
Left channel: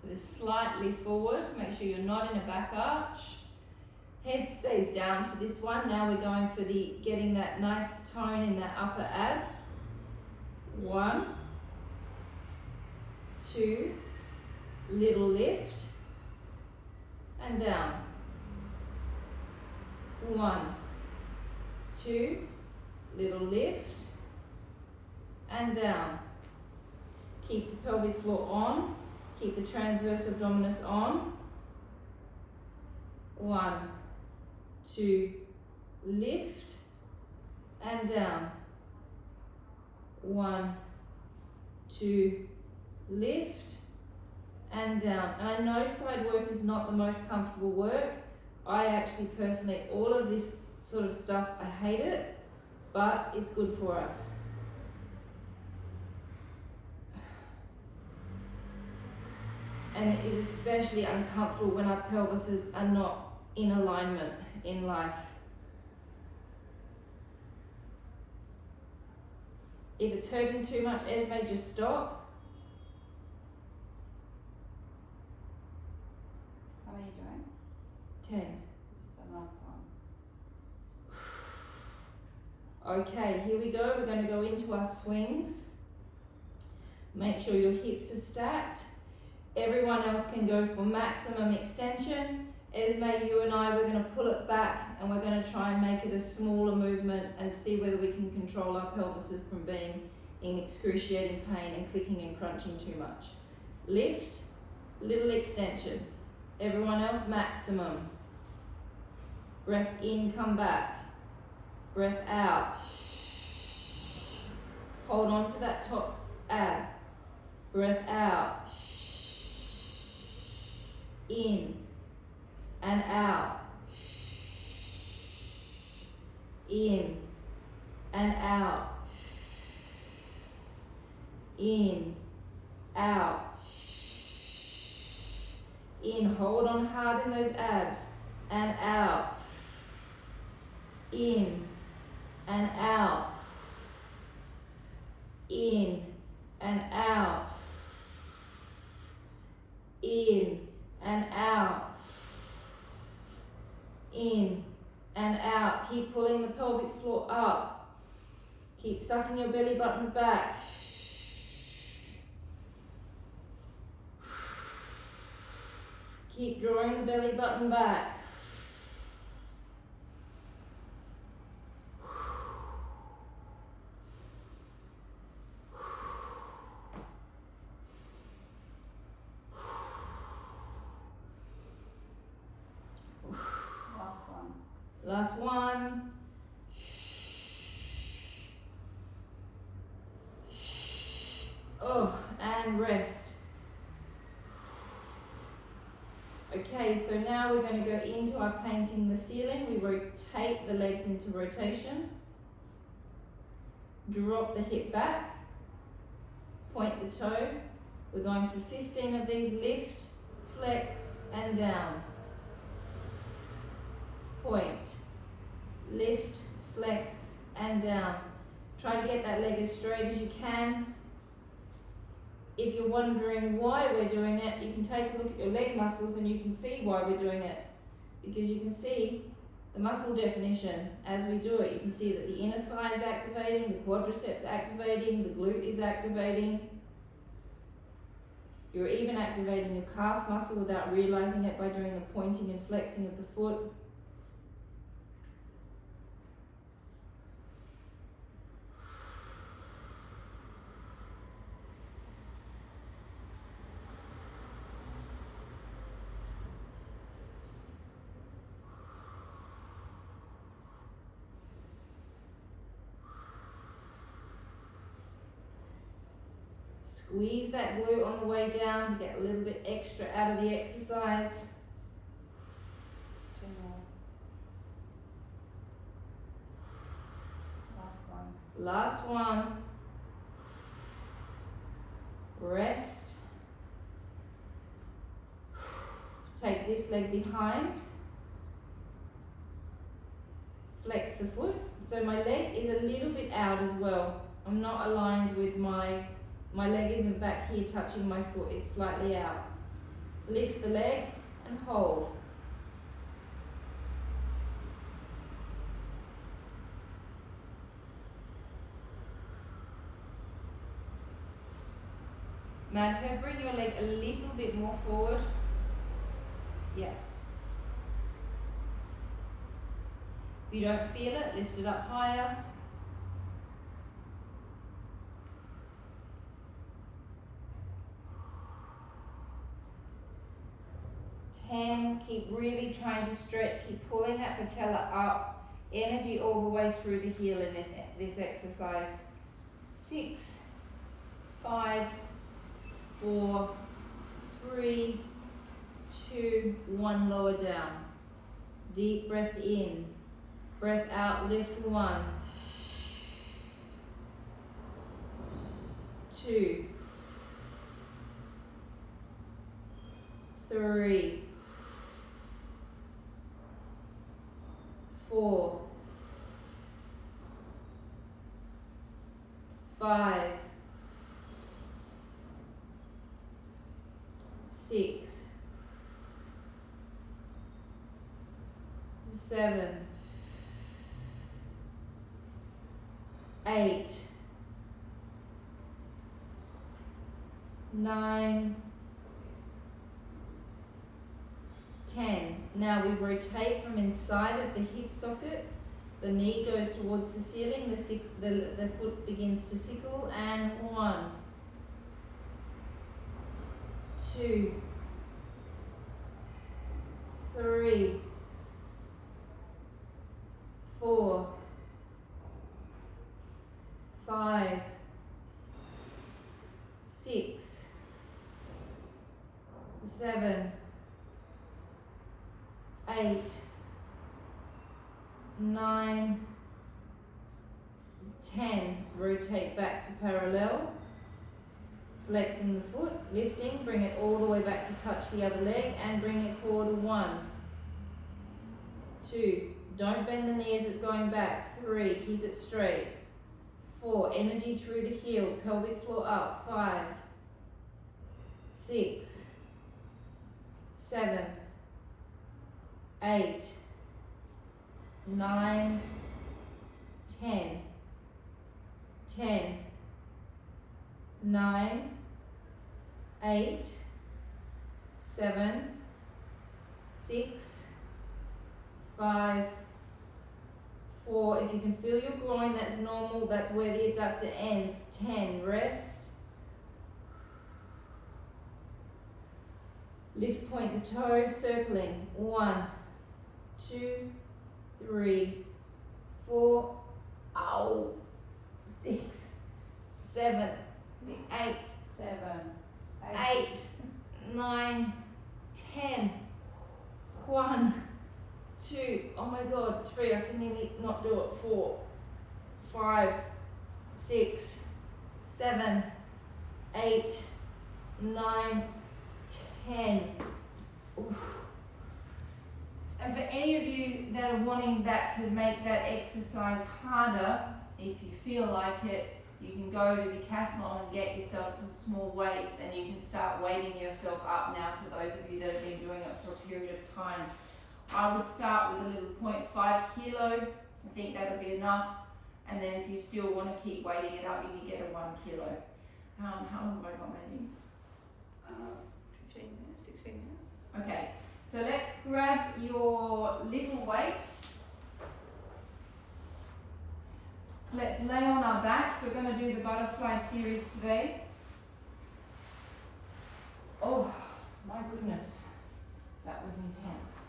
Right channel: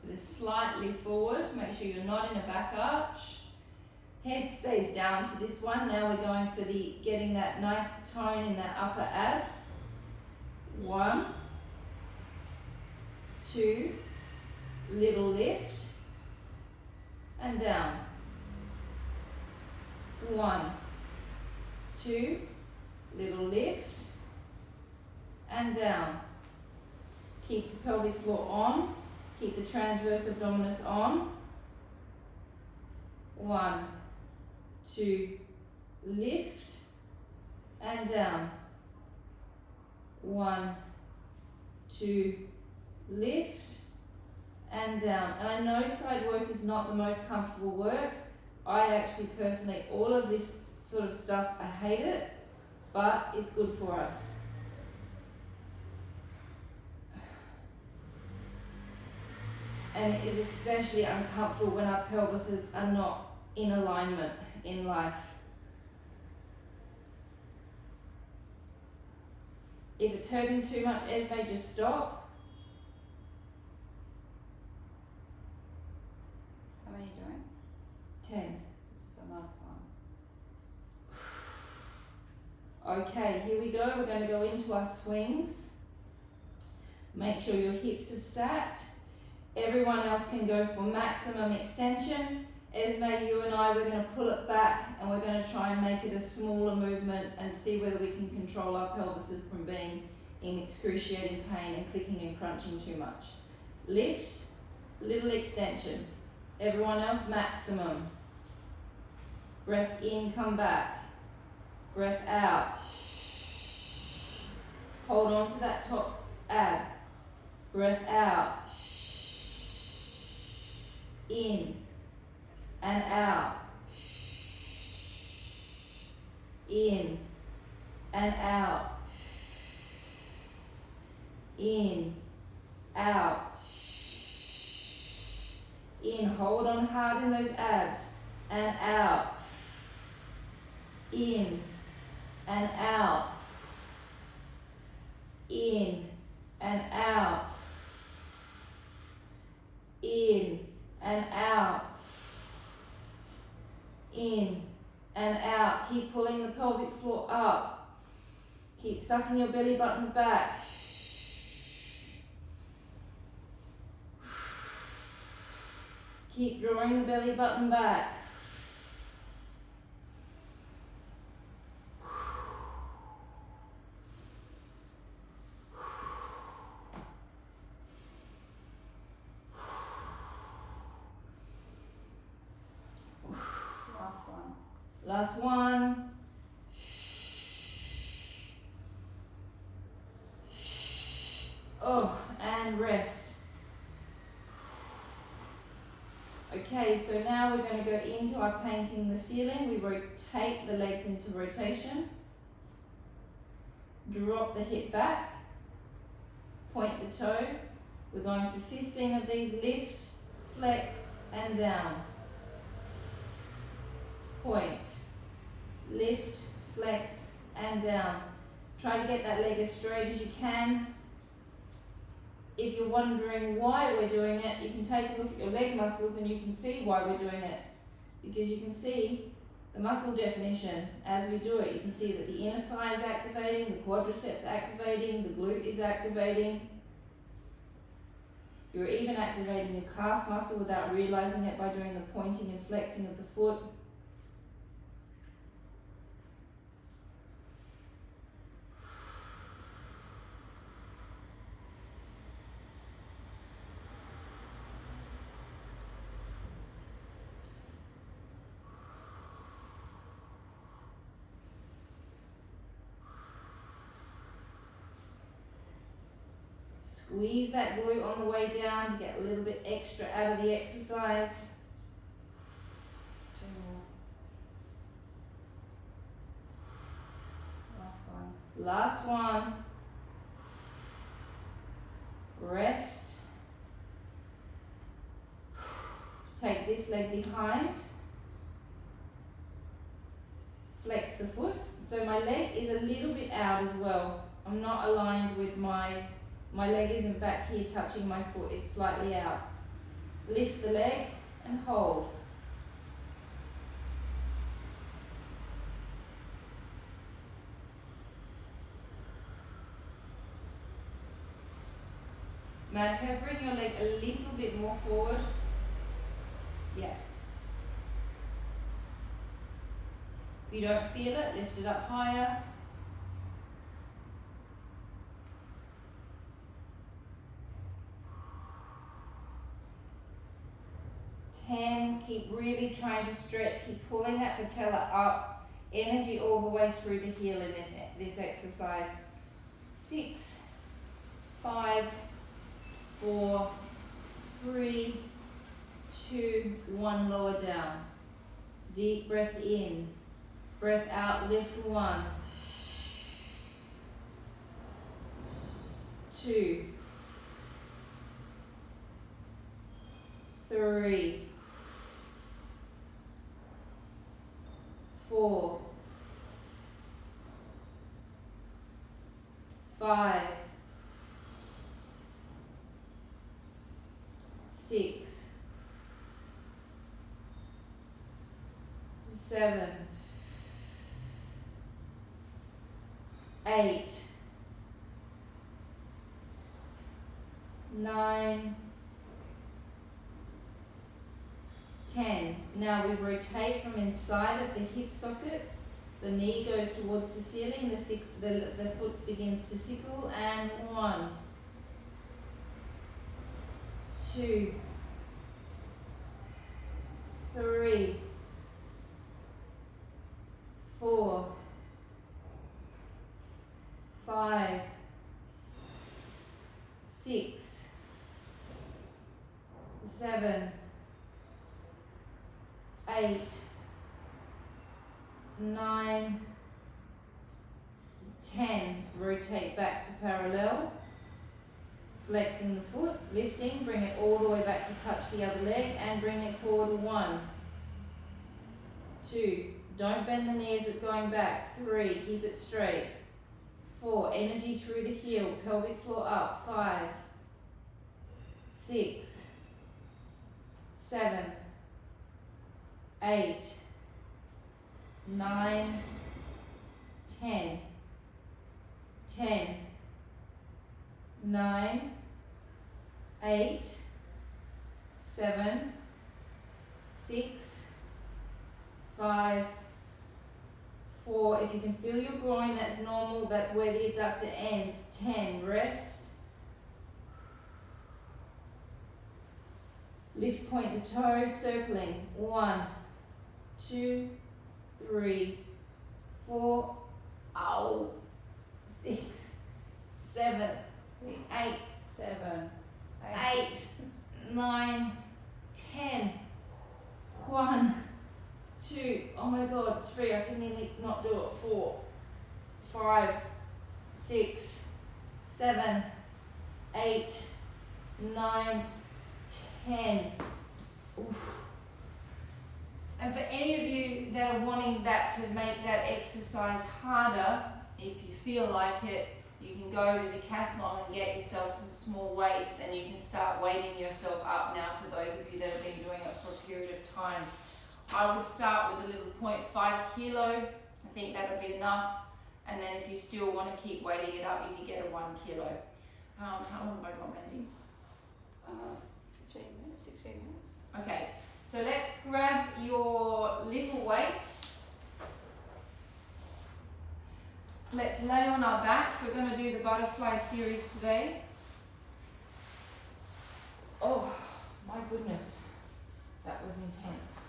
So they're slightly forward. Make sure you're not in a back arch. Head stays down for this one. Now we're going for getting that nice tone in that upper ab. 1, 2, little lift, and down. 1, 2, little lift, and down. Keep the pelvic floor on. Keep the transverse abdominis on. 1, 2, lift, and down. 1, 2, lift, and down. And I know side work is not the most comfortable work. I actually personally, all of this sort of stuff, I hate it, but it's good for us. And it is especially uncomfortable when our pelvises are not in alignment in life. If it's hurting too much, Esme, just stop. How many doing? 10. This is the last one. Okay, here we go. We're going to go into our swings. Make sure your hips are stacked. Everyone else can go for maximum extension. Esme, you and I, we're going to pull it back and we're going to try and make it a smaller movement and see whether we can control our pelvises from being in excruciating pain and clicking and crunching too much. Lift, little extension. Everyone else, maximum. Breath in, come back. Breath out. Hold on to that top ab. Breath out. In and out. In and out. In, out. In, hold on hard in those abs and out. In and out. In and out. In and out. In and out. Keep pulling the pelvic floor up. Keep sucking your belly buttons back. Keep drawing the belly button back. Last one. Oh, and rest. Okay, so now we're going to go into our painting the ceiling. We rotate the legs into rotation. Drop the hip back. Point the toe. We're going for 15 of these. Lift, flex, and down. Point, lift, flex, and down. Try to get that leg as straight as you can. If you're wondering why we're doing it, you can take a look at your leg muscles and you can see why we're doing it. Because you can see the muscle definition as we do it. You can see that the inner thigh is activating, the quadriceps activating, the glute is activating. You're even activating your calf muscle without realizing it by doing the pointing and flexing of the foot. Squeeze that glute on the way down to get a little bit extra out of the exercise. Two more. Last one. Last one. Rest. Take this leg behind. Flex the foot. So my leg is a little bit out as well. I'm not aligned with my leg isn't back here touching my foot, it's slightly out. Lift the leg and hold. Madho, bring your leg a little bit more forward. Yeah. If you don't feel it, lift it up higher. 10, keep really trying to stretch, keep pulling that patella up, energy all the way through the heel in this exercise. 6, 5, 4, 3, 2, 1, lower down. Deep breath in, breath out, lift 1, 2, 3, 4, 5, 6, 7, 8, 9, 10. Now we rotate from inside of the hip socket. The knee goes towards the ceiling, the foot begins to sickle, and 1, 2, 3, 4, 5, 6, 7, 8, 9, 10. Rotate back to parallel. Flexing the foot, lifting, bring it all the way back to touch the other leg and bring it forward. 1, 2, don't bend the knee as it's going back. 3, keep it straight. 4, energy through the heel, pelvic floor up. 5, 6, 7, 8, 9, 10, 10, 9, 8, 7, 6, 5, 4. If you can feel your groin, that's normal. That's where the adductor ends. 10, rest. Lift, point the toes, circling. 1, 2, 3, 4, 6, 7, 8, 8, 9, 10. 1, 2, oh my god, 3, I can nearly not do it. 4, 5, 6, 7, 8, 9, 10. Oof. And for any of you that are wanting that to make that exercise harder, if you feel like it, you can go to Decathlon and get yourself some small weights, and you can start weighting yourself up now for those of you that have been doing it for a period of time. I would start with a little 0.5 kilo. I think that'll be enough. And then if you still want to keep weighting it up, you can get a 1 kilo. How long have I got, Mandy? 15 minutes, 16 minutes. Okay, so let's grab your little weights. Let's lay on our backs. We're going to do the butterfly series today. Oh, my goodness. That was intense.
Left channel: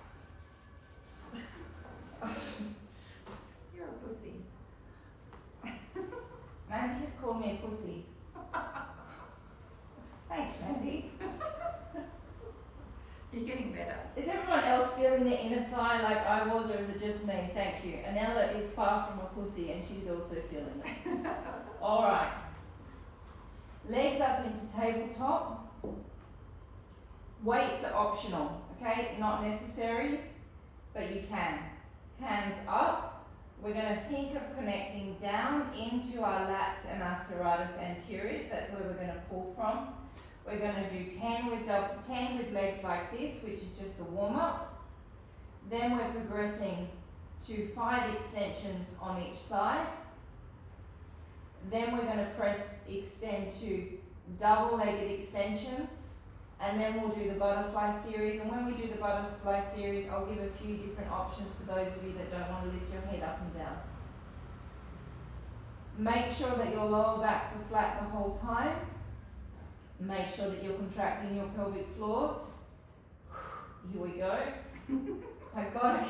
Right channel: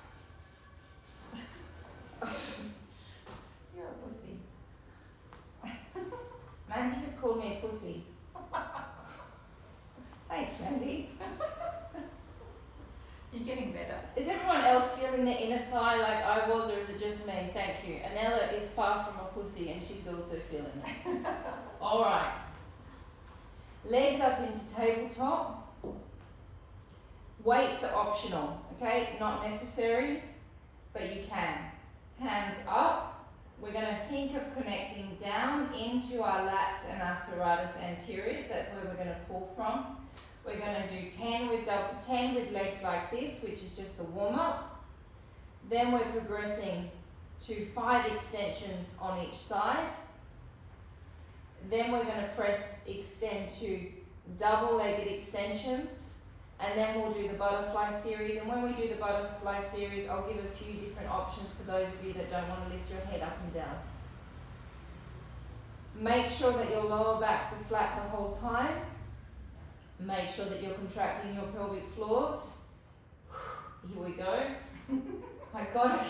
You're a pussy. Mandy just called me a pussy. Thanks, Mandy. You're getting better. Is everyone else feeling the inner thigh like I was, or is it just me? Thank you. Anella is far from a pussy and she's also feeling it. Alright. Legs up into tabletop. Weights are optional, okay? Not necessary, but you can. Hands up. We're going to think of connecting down into our lats and our serratus anteriors. That's where we're going to pull from. We're going to do 10 with legs like this, which is just the warm-up. Then we're progressing to 5 extensions on each side. Then we're going to extend to double-legged extensions. And then we'll do the butterfly series. And when we do the butterfly series, I'll give a few different options for those of you that don't want to lift your head up and down. Make sure that your lower backs are flat the whole time. Make sure that you're contracting your pelvic floors. Here we go. My God,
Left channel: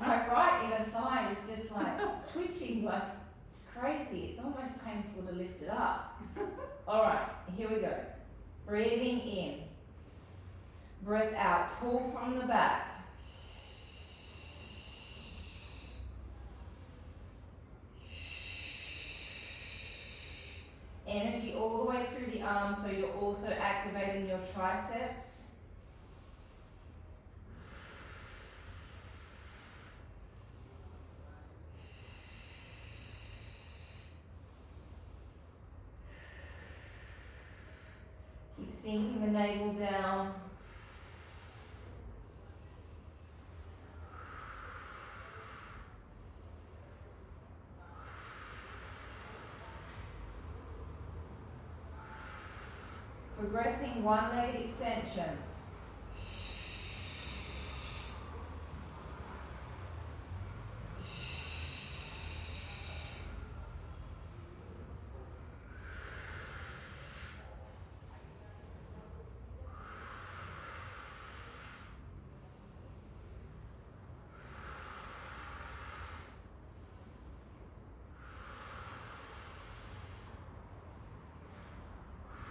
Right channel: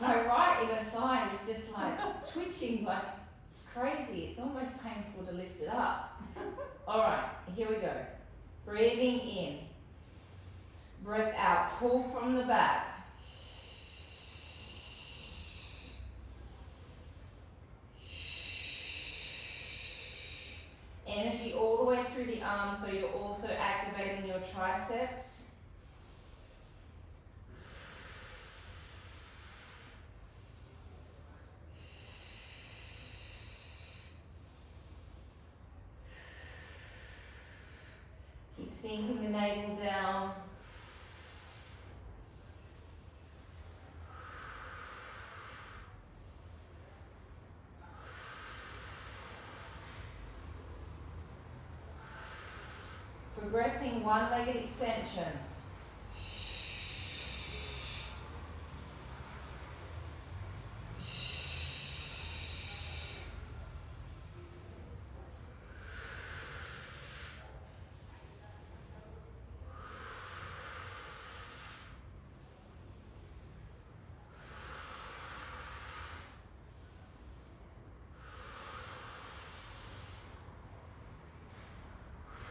my right inner thigh is just like twitching like crazy. It's almost painful to lift it up. All right, here we go. Breathing in. Breath out. Pull from the back. Energy all the way through the arms, so you're also activating your triceps. sinking the navel down. Progressing one-legged extensions.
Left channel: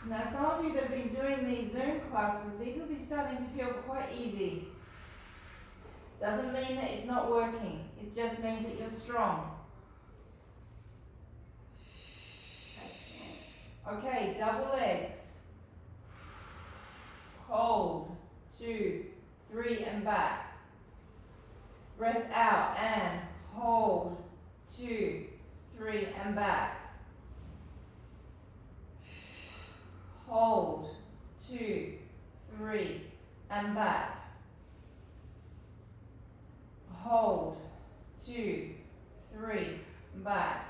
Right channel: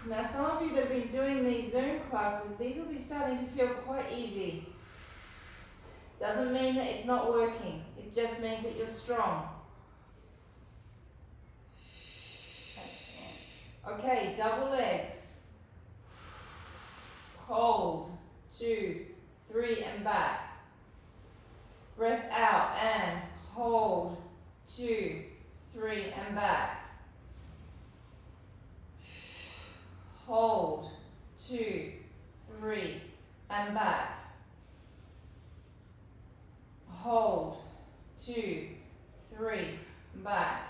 Now some of you that have been doing these Zoom classes, these will be starting to feel quite easy. Doesn't mean that it's not working, it just means that you're strong. Okay, double legs. Hold, 2, 3 and back. Breath out and hold, 2, 3 and back. Hold, 2, 3 and back. Hold, 2, 3, back.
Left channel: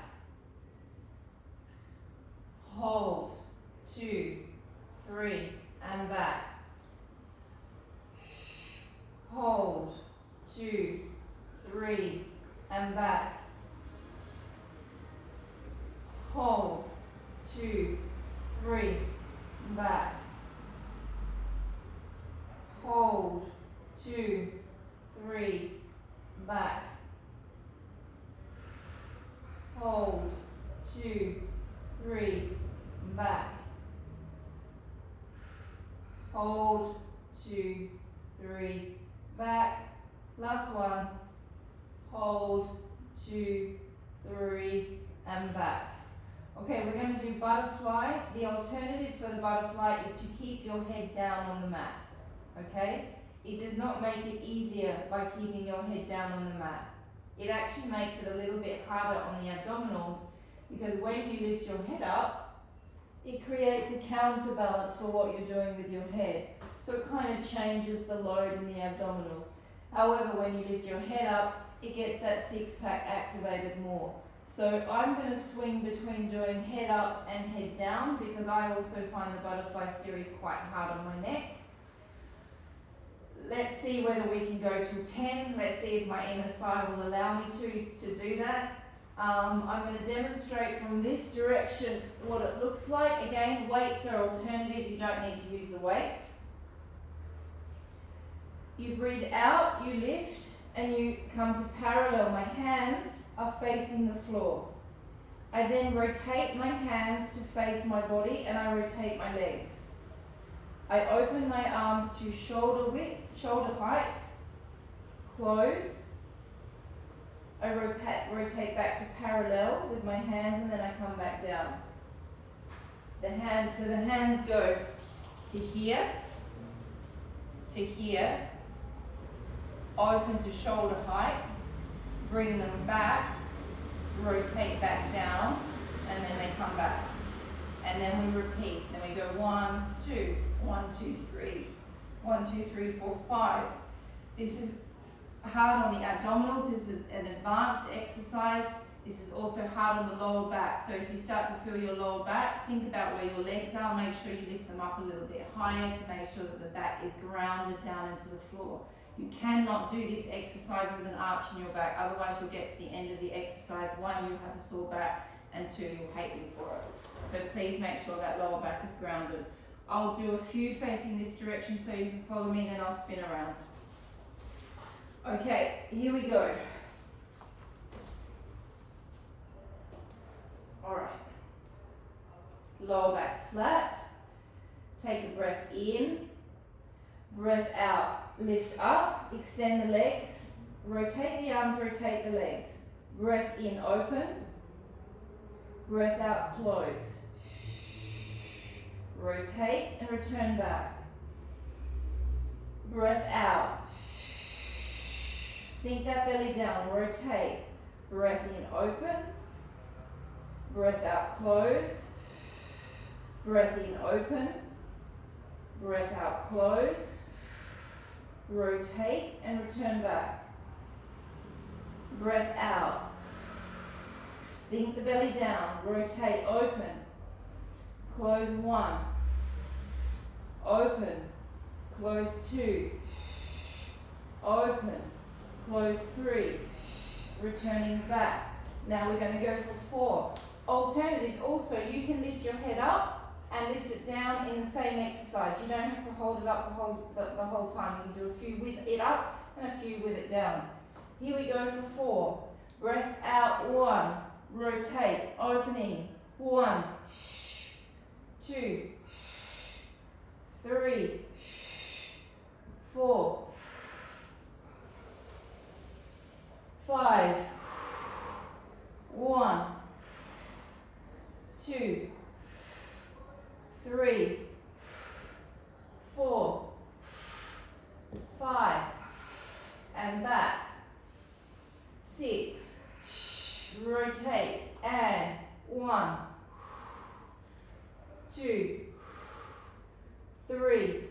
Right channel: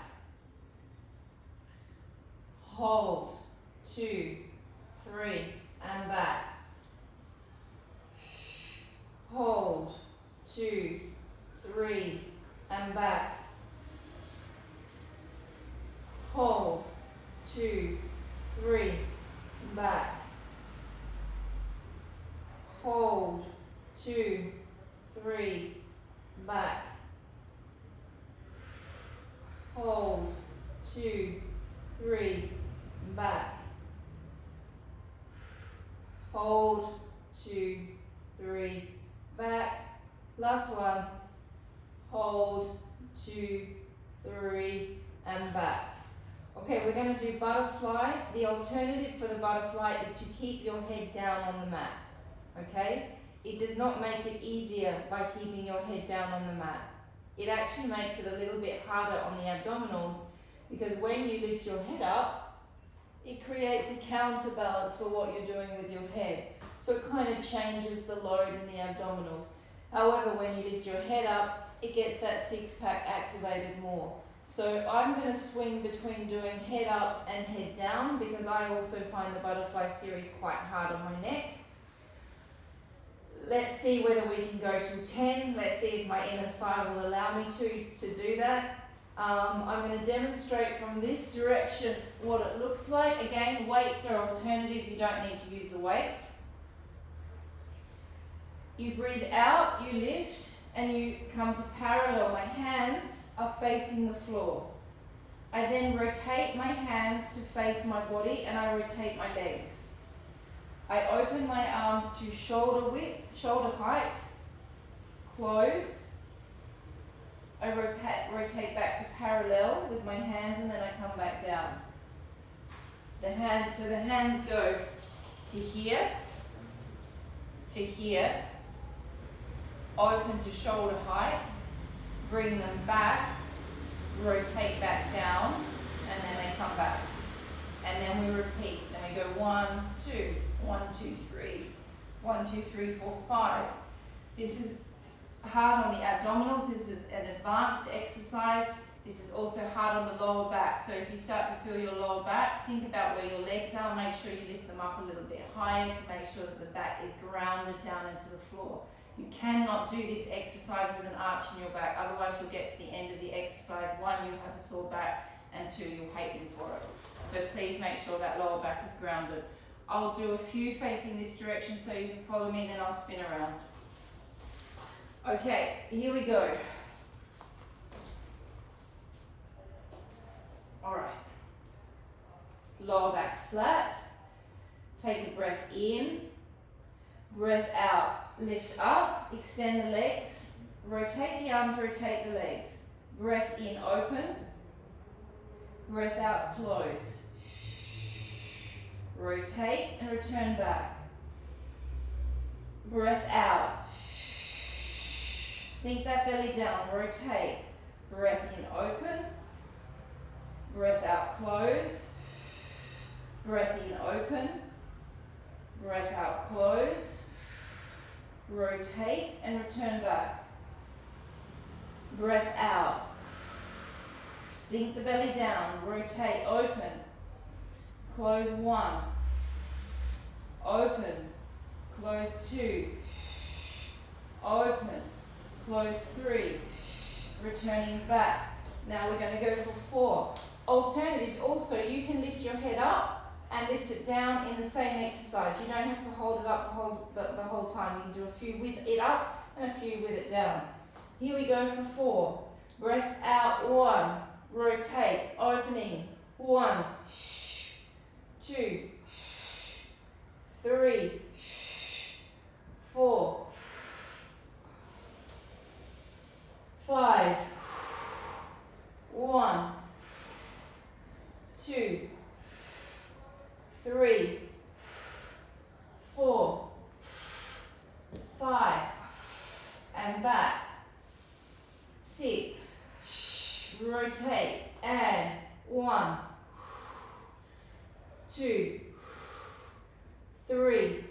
Hold, 2, 3 and back. Hold, 2, 3 and back. Hold, 2, 3 back. Hold, 2, 3 back. Hold, 2, 3 back. Hold, 2, 3 back. Last one. Hold, 2, 3 and back. Okay, we're going to do butterfly. The alternative for the butterfly is to keep your head down on the mat. Okay? It does not make it easier by keeping your head down on the mat. It actually makes it a little bit harder on the abdominals because when you lift your head up, it creates a counterbalance for what you're doing with your head. So it kind of changes the load in the abdominals. However, when you lift your head up, it gets that six-pack activated more. So I'm going to swing between doing head up and head down because I also find the butterfly series quite hard on my neck. Let's see whether we can go to 10. Let's see if my inner thigh will allow me to do that. I'm going to demonstrate from this direction what it looks like. Again, weights are alternative. You don't need to use the weights. You breathe out, you lift, and you come to parallel. My hands are facing the floor. I then rotate my hands to face my body and I rotate my legs. I open my arms to shoulder width, shoulder height, close. I rotate back to parallel with my hands and then I come back down. The hands go to here, open to shoulder height, bring them back, rotate back down, and then they come back. And then we repeat. Then we go 1, 2, 1, 2, 3, 1, 2, 3, 4, 5. This is hard on the abdominals. This is an advanced exercise. This is also hard on the lower back. So if you start to feel your lower back, think about where your legs are. Make sure you lift them up a little bit higher to make sure that the back is grounded down into the floor. You cannot do this exercise with an arch in your back, otherwise you'll get to the end of the exercise. 1, you'll have a sore back, and 2, you'll hate me for it. So please make sure that lower back is grounded. I'll do a few facing this direction so you can follow me, then I'll spin around. Okay, here we go. All right. Lower back's flat. Take a breath in. Breath out. Lift up, extend the legs, rotate the arms, rotate the legs. Breath in, open. Breath out, close. Rotate and return back. Breath out. Sink that belly down, rotate. Breath in, open. Breath out, close. Breath in, open. Breath out, close. Rotate and return back. Breath out. Sink the belly down. Rotate, open. Close 1. Open. Close 2. Open. Close 3. Returning back. Now we're going to go for 4. Alternative, also you can lift your head up and lift it down in the same exercise. You don't have to hold it up the whole time. You can do a few with it up and a few with it down. Here we go for 4. Breath out, 1. Rotate, opening. 1, 2, 3, 4, 5. 1, 2, 3, 4, 5, and back. 6, rotate, and 1, 2, 3,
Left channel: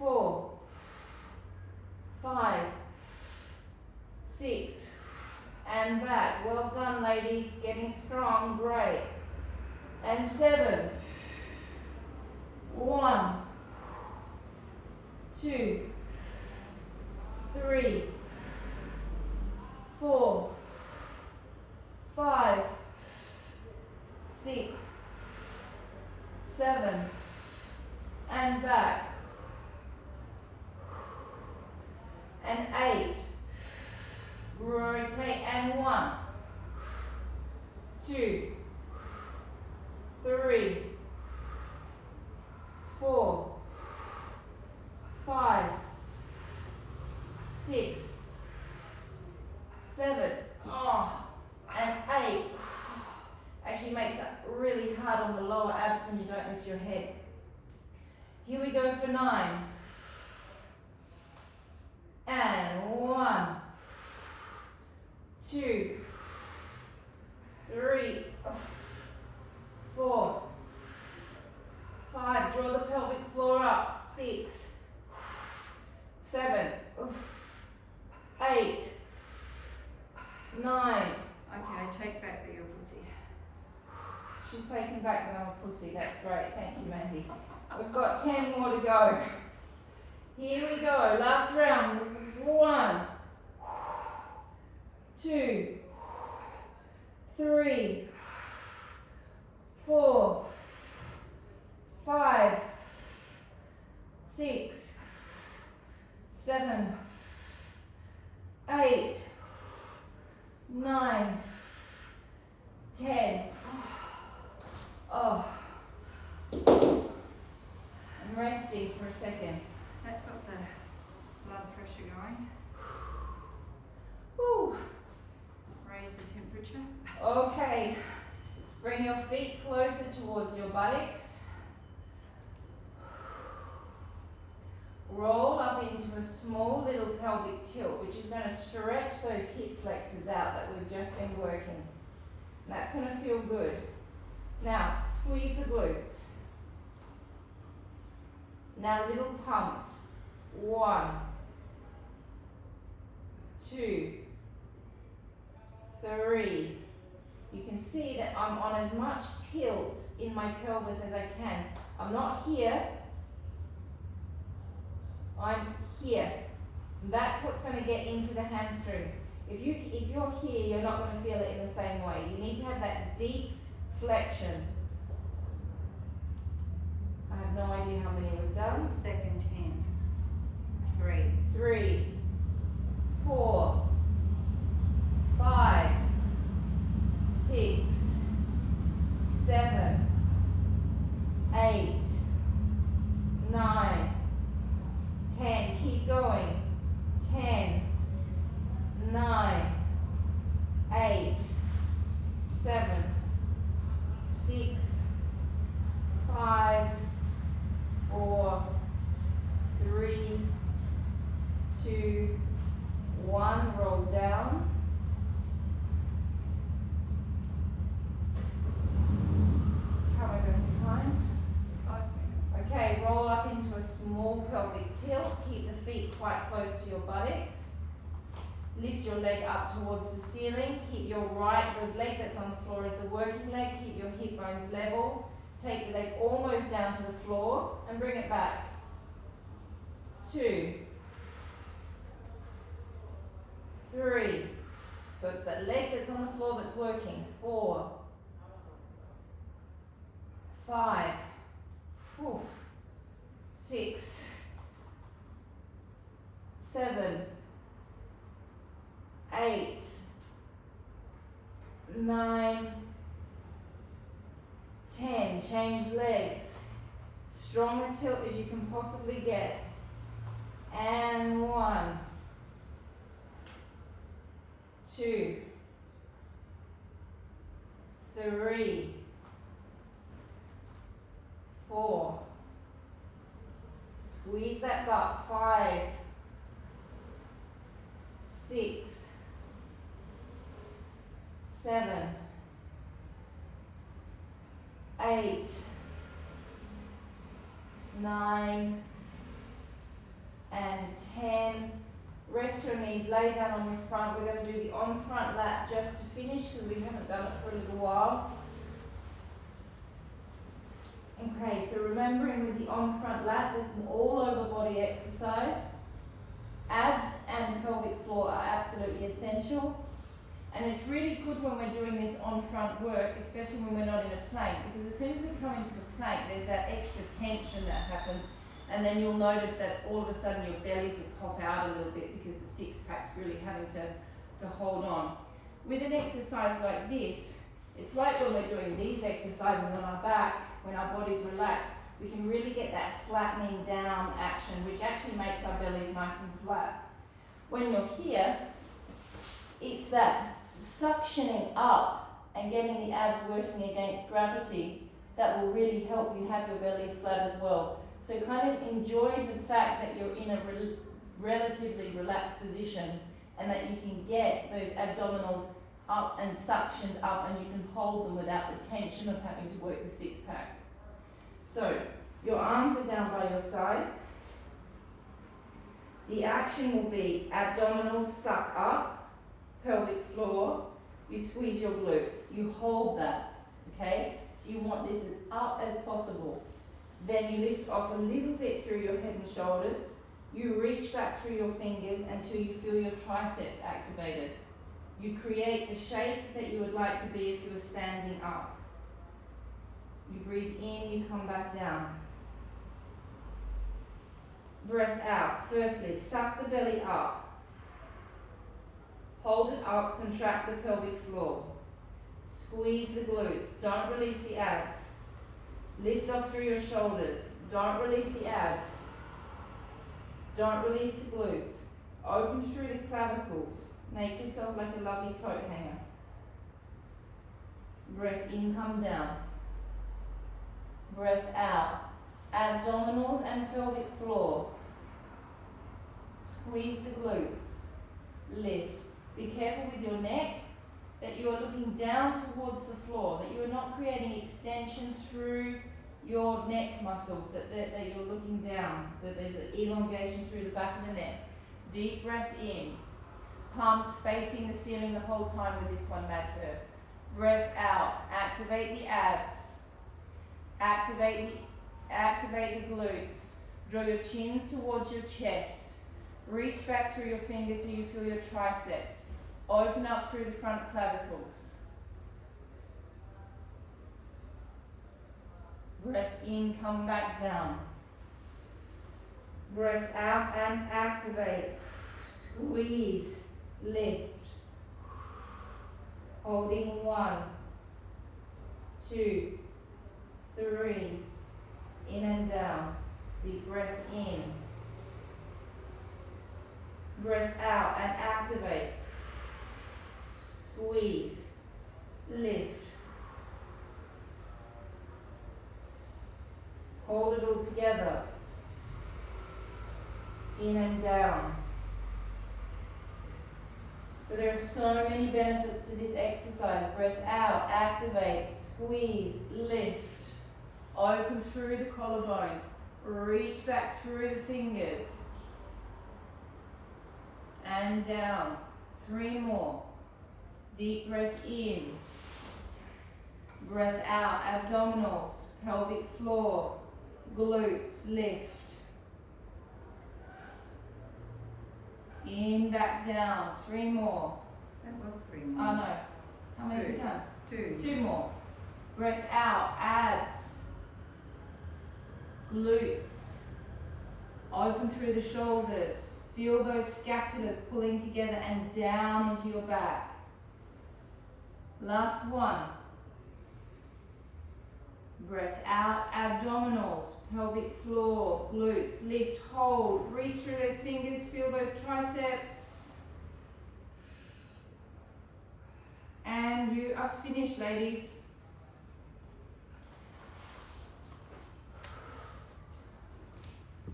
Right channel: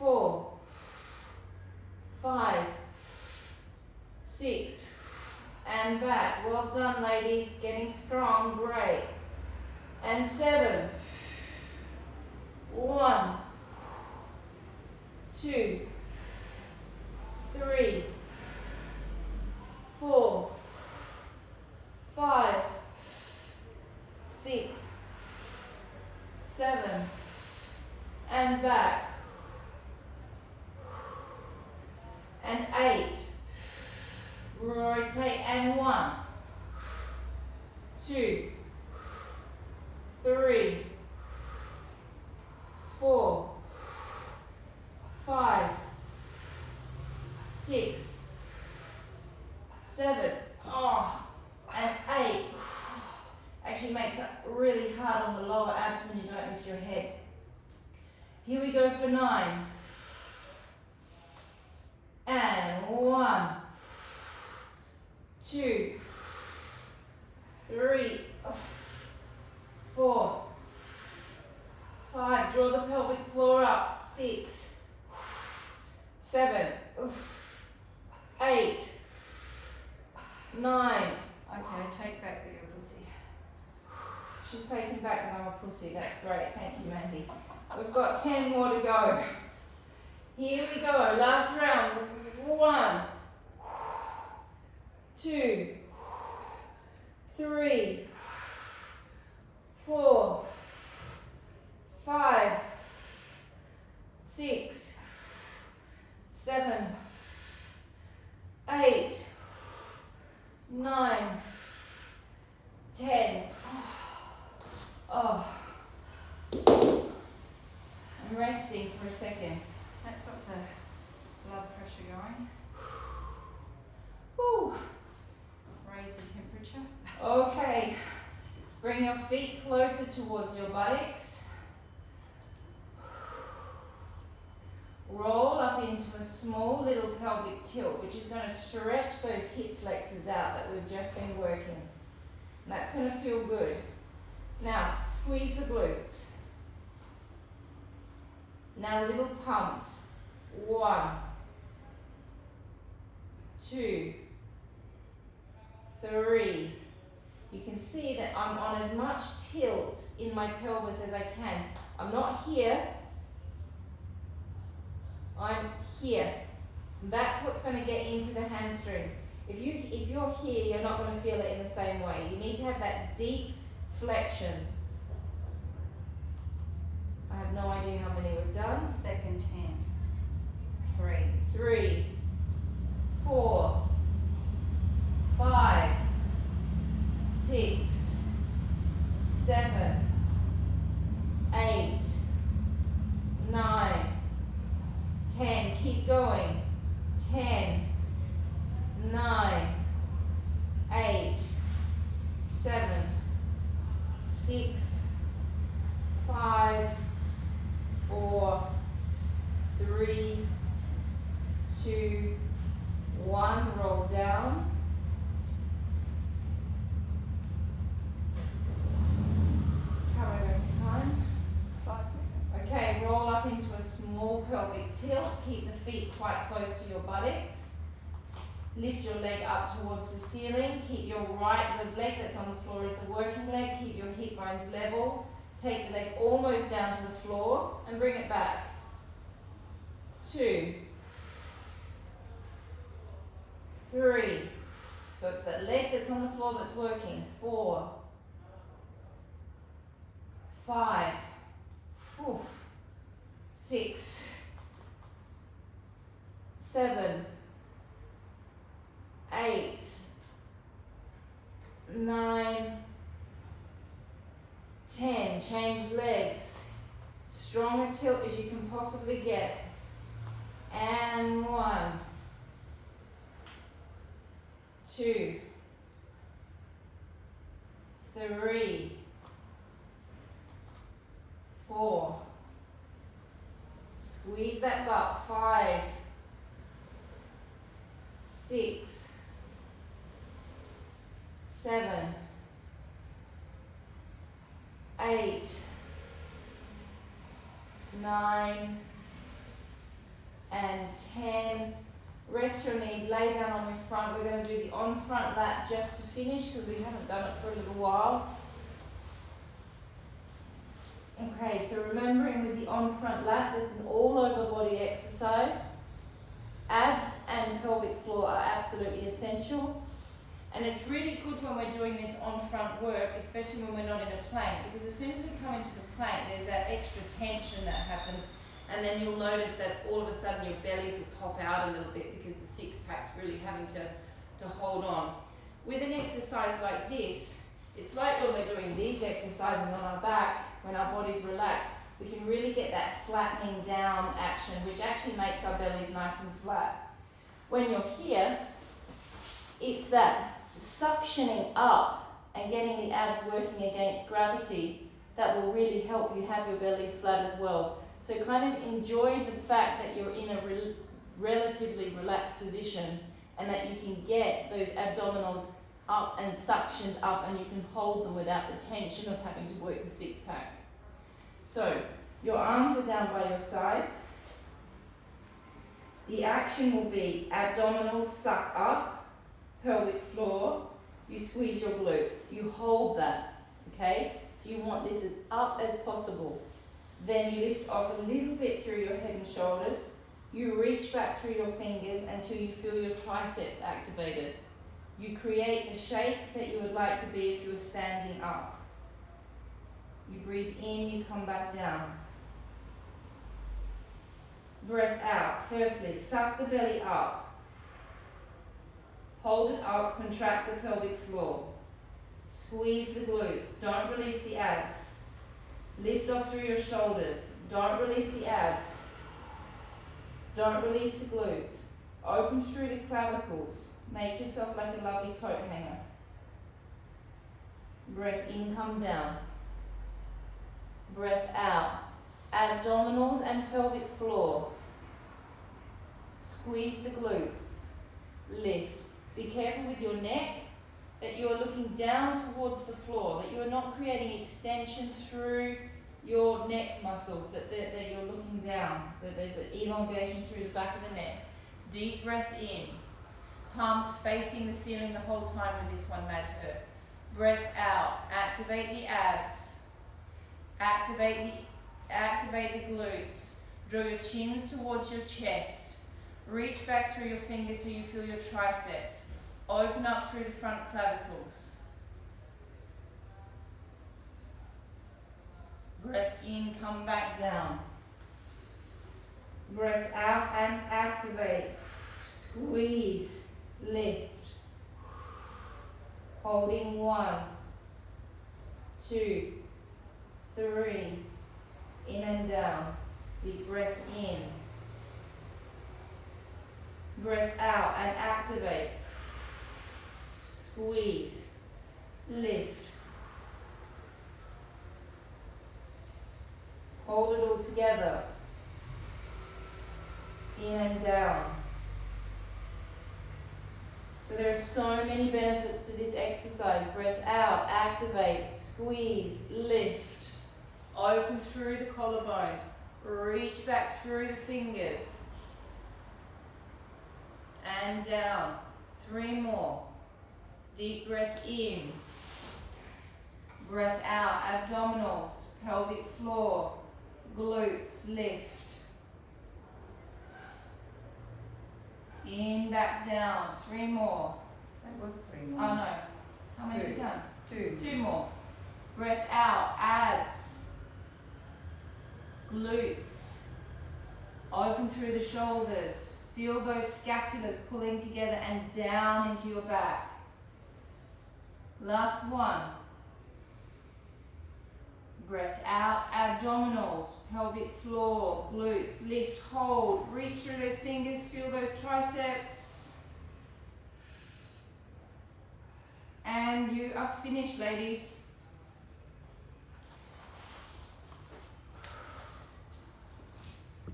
4, 5, 6, and back. Well done, ladies. Getting strong. Great. And 7. 1, 2, 3, 4, 5, 6, 7, and back. And 8. Rotate and 1, 2, 3, 4, 5, 6, 7, and 8. Actually makes it really hard on the lower abs when you don't lift your head. Here we go for 9. And 1, 2, 3, 4, 5. Draw the pelvic floor up. 6, 7, 8, 9. Okay, take back that you're a pussy. She's taken back that I'm a pussy. That's great. Thank you, Mandy. We've got 10 more to go. Here we go. Last round. 1, 2, 3, 4, 5, 6, 7, 8, 9, 10. Oh. I'm resting for a second. That got the blood pressure going. Woo. Raise the temperature. Okay. Bring your feet closer towards your buttocks. Roll up into a small little pelvic tilt, which is going to stretch those hip flexors out that we've just been working. And that's going to feel good. Now, squeeze the glutes. Now, little pumps. 1, 2, 3. You can see that I'm on as much tilt in my pelvis as I can. I'm not here. I'm here. That's what's going to get into the hamstrings. If you're here, you're not going to feel it in the same way. You need to have that deep flexion. I have no idea how many we've done. Second 10. 3. 3, 4, 5, 6, 7, 8, 9, 10. Keep going. 10, 9, 8, 7, 6, 5, 4, 3, 2, 1. Roll down. How am I going for time? 5 minutes. Okay. pelvic tilt. Keep the feet quite close to your buttocks. Lift your leg up towards the ceiling. Keep your the leg that's on the floor is the working leg. Keep your hip bones level. Take the leg almost down to the floor and bring it back. 2, 3. So it's that leg that's on the floor that's working. 4, 5, 6, 7, 8, 9, 10. Change legs. Stronger tilt as you can possibly get. And 1, 2, 3, 4. Squeeze that butt. 5, 6, 7, 8, 9, and 10. Rest your knees, lay down on your front. We're going to do the on front lat just to finish because we haven't done it for a little while. Okay, so remembering with the on front lat, there's an all over body exercise. Abs and pelvic floor are absolutely essential. And it's really good when we're doing this on front work, especially when we're not in a plank, because as soon as we come into the plank, there's that extra tension that happens. And then you'll notice that all of a sudden your bellies will pop out a little bit because the six pack's really having to hold on. With an exercise like this, it's like when we're doing these exercises on our back, when our body's relaxed, we can really get that flattening down action, which actually makes our bellies nice and flat. When you're here, it's that suctioning up and getting the abs working against gravity that will really help you have your bellies flat as well. So kind of enjoy the fact that you're in a relatively relaxed position and that you can get those abdominals up and suctioned up and you can hold them without the tension of having to work the six pack. So your arms are down by your side. The action will be abdominals suck up, pelvic floor, you squeeze your glutes, you hold that, okay? So you want this as up as possible. Then you lift off a little bit through your head and shoulders. You reach back through your fingers until you feel your triceps activated. You create the shape that you would like to be if you were standing up. You breathe in, you come back down. Breath out. Firstly, suck the belly up. Hold it up, contract the pelvic floor. Squeeze the glutes, don't release the abs. Lift off through your shoulders, don't release the abs. Don't release the glutes. Open through the clavicles. Make yourself like a lovely coat hanger. Breath in, come down. Breath out. Abdominals and pelvic floor. Squeeze the glutes. Lift. Be careful with your neck, that you are looking down towards the floor, that you are not creating extension through your neck muscles, that you're looking down, that there's an elongation through the back of the neck. Deep breath in. Palms facing the ceiling the whole time with this one, Mad Herb. Breath out. Activate the abs. Activate the glutes. Draw your chins towards your chest. Reach back through your fingers so you feel your triceps. Open up through the front clavicles. Breath in, come back down. Breath out and activate. Squeeze, lift. Holding 1, 2, 3. In and down. Deep breath in. Breath out and activate. Squeeze, lift. Hold it all together. In and down. So there are so many benefits to this exercise. Breath out, activate, squeeze, lift. Open through the collarbones. Reach back through the fingers. And down. 3 more. Deep breath in. Breath out. Abdominals, pelvic floor, glutes lift. In, back down. 3 more. That was 3 Oh more. no. How many have you done? 2. 2 more. Breath out. Abs. Glutes. Open through the shoulders. Feel those scapulars pulling together and down into your back. Last one. Breath out, abdominals, pelvic floor, glutes, lift, hold, reach through those fingers, feel those triceps. And you are finished, ladies.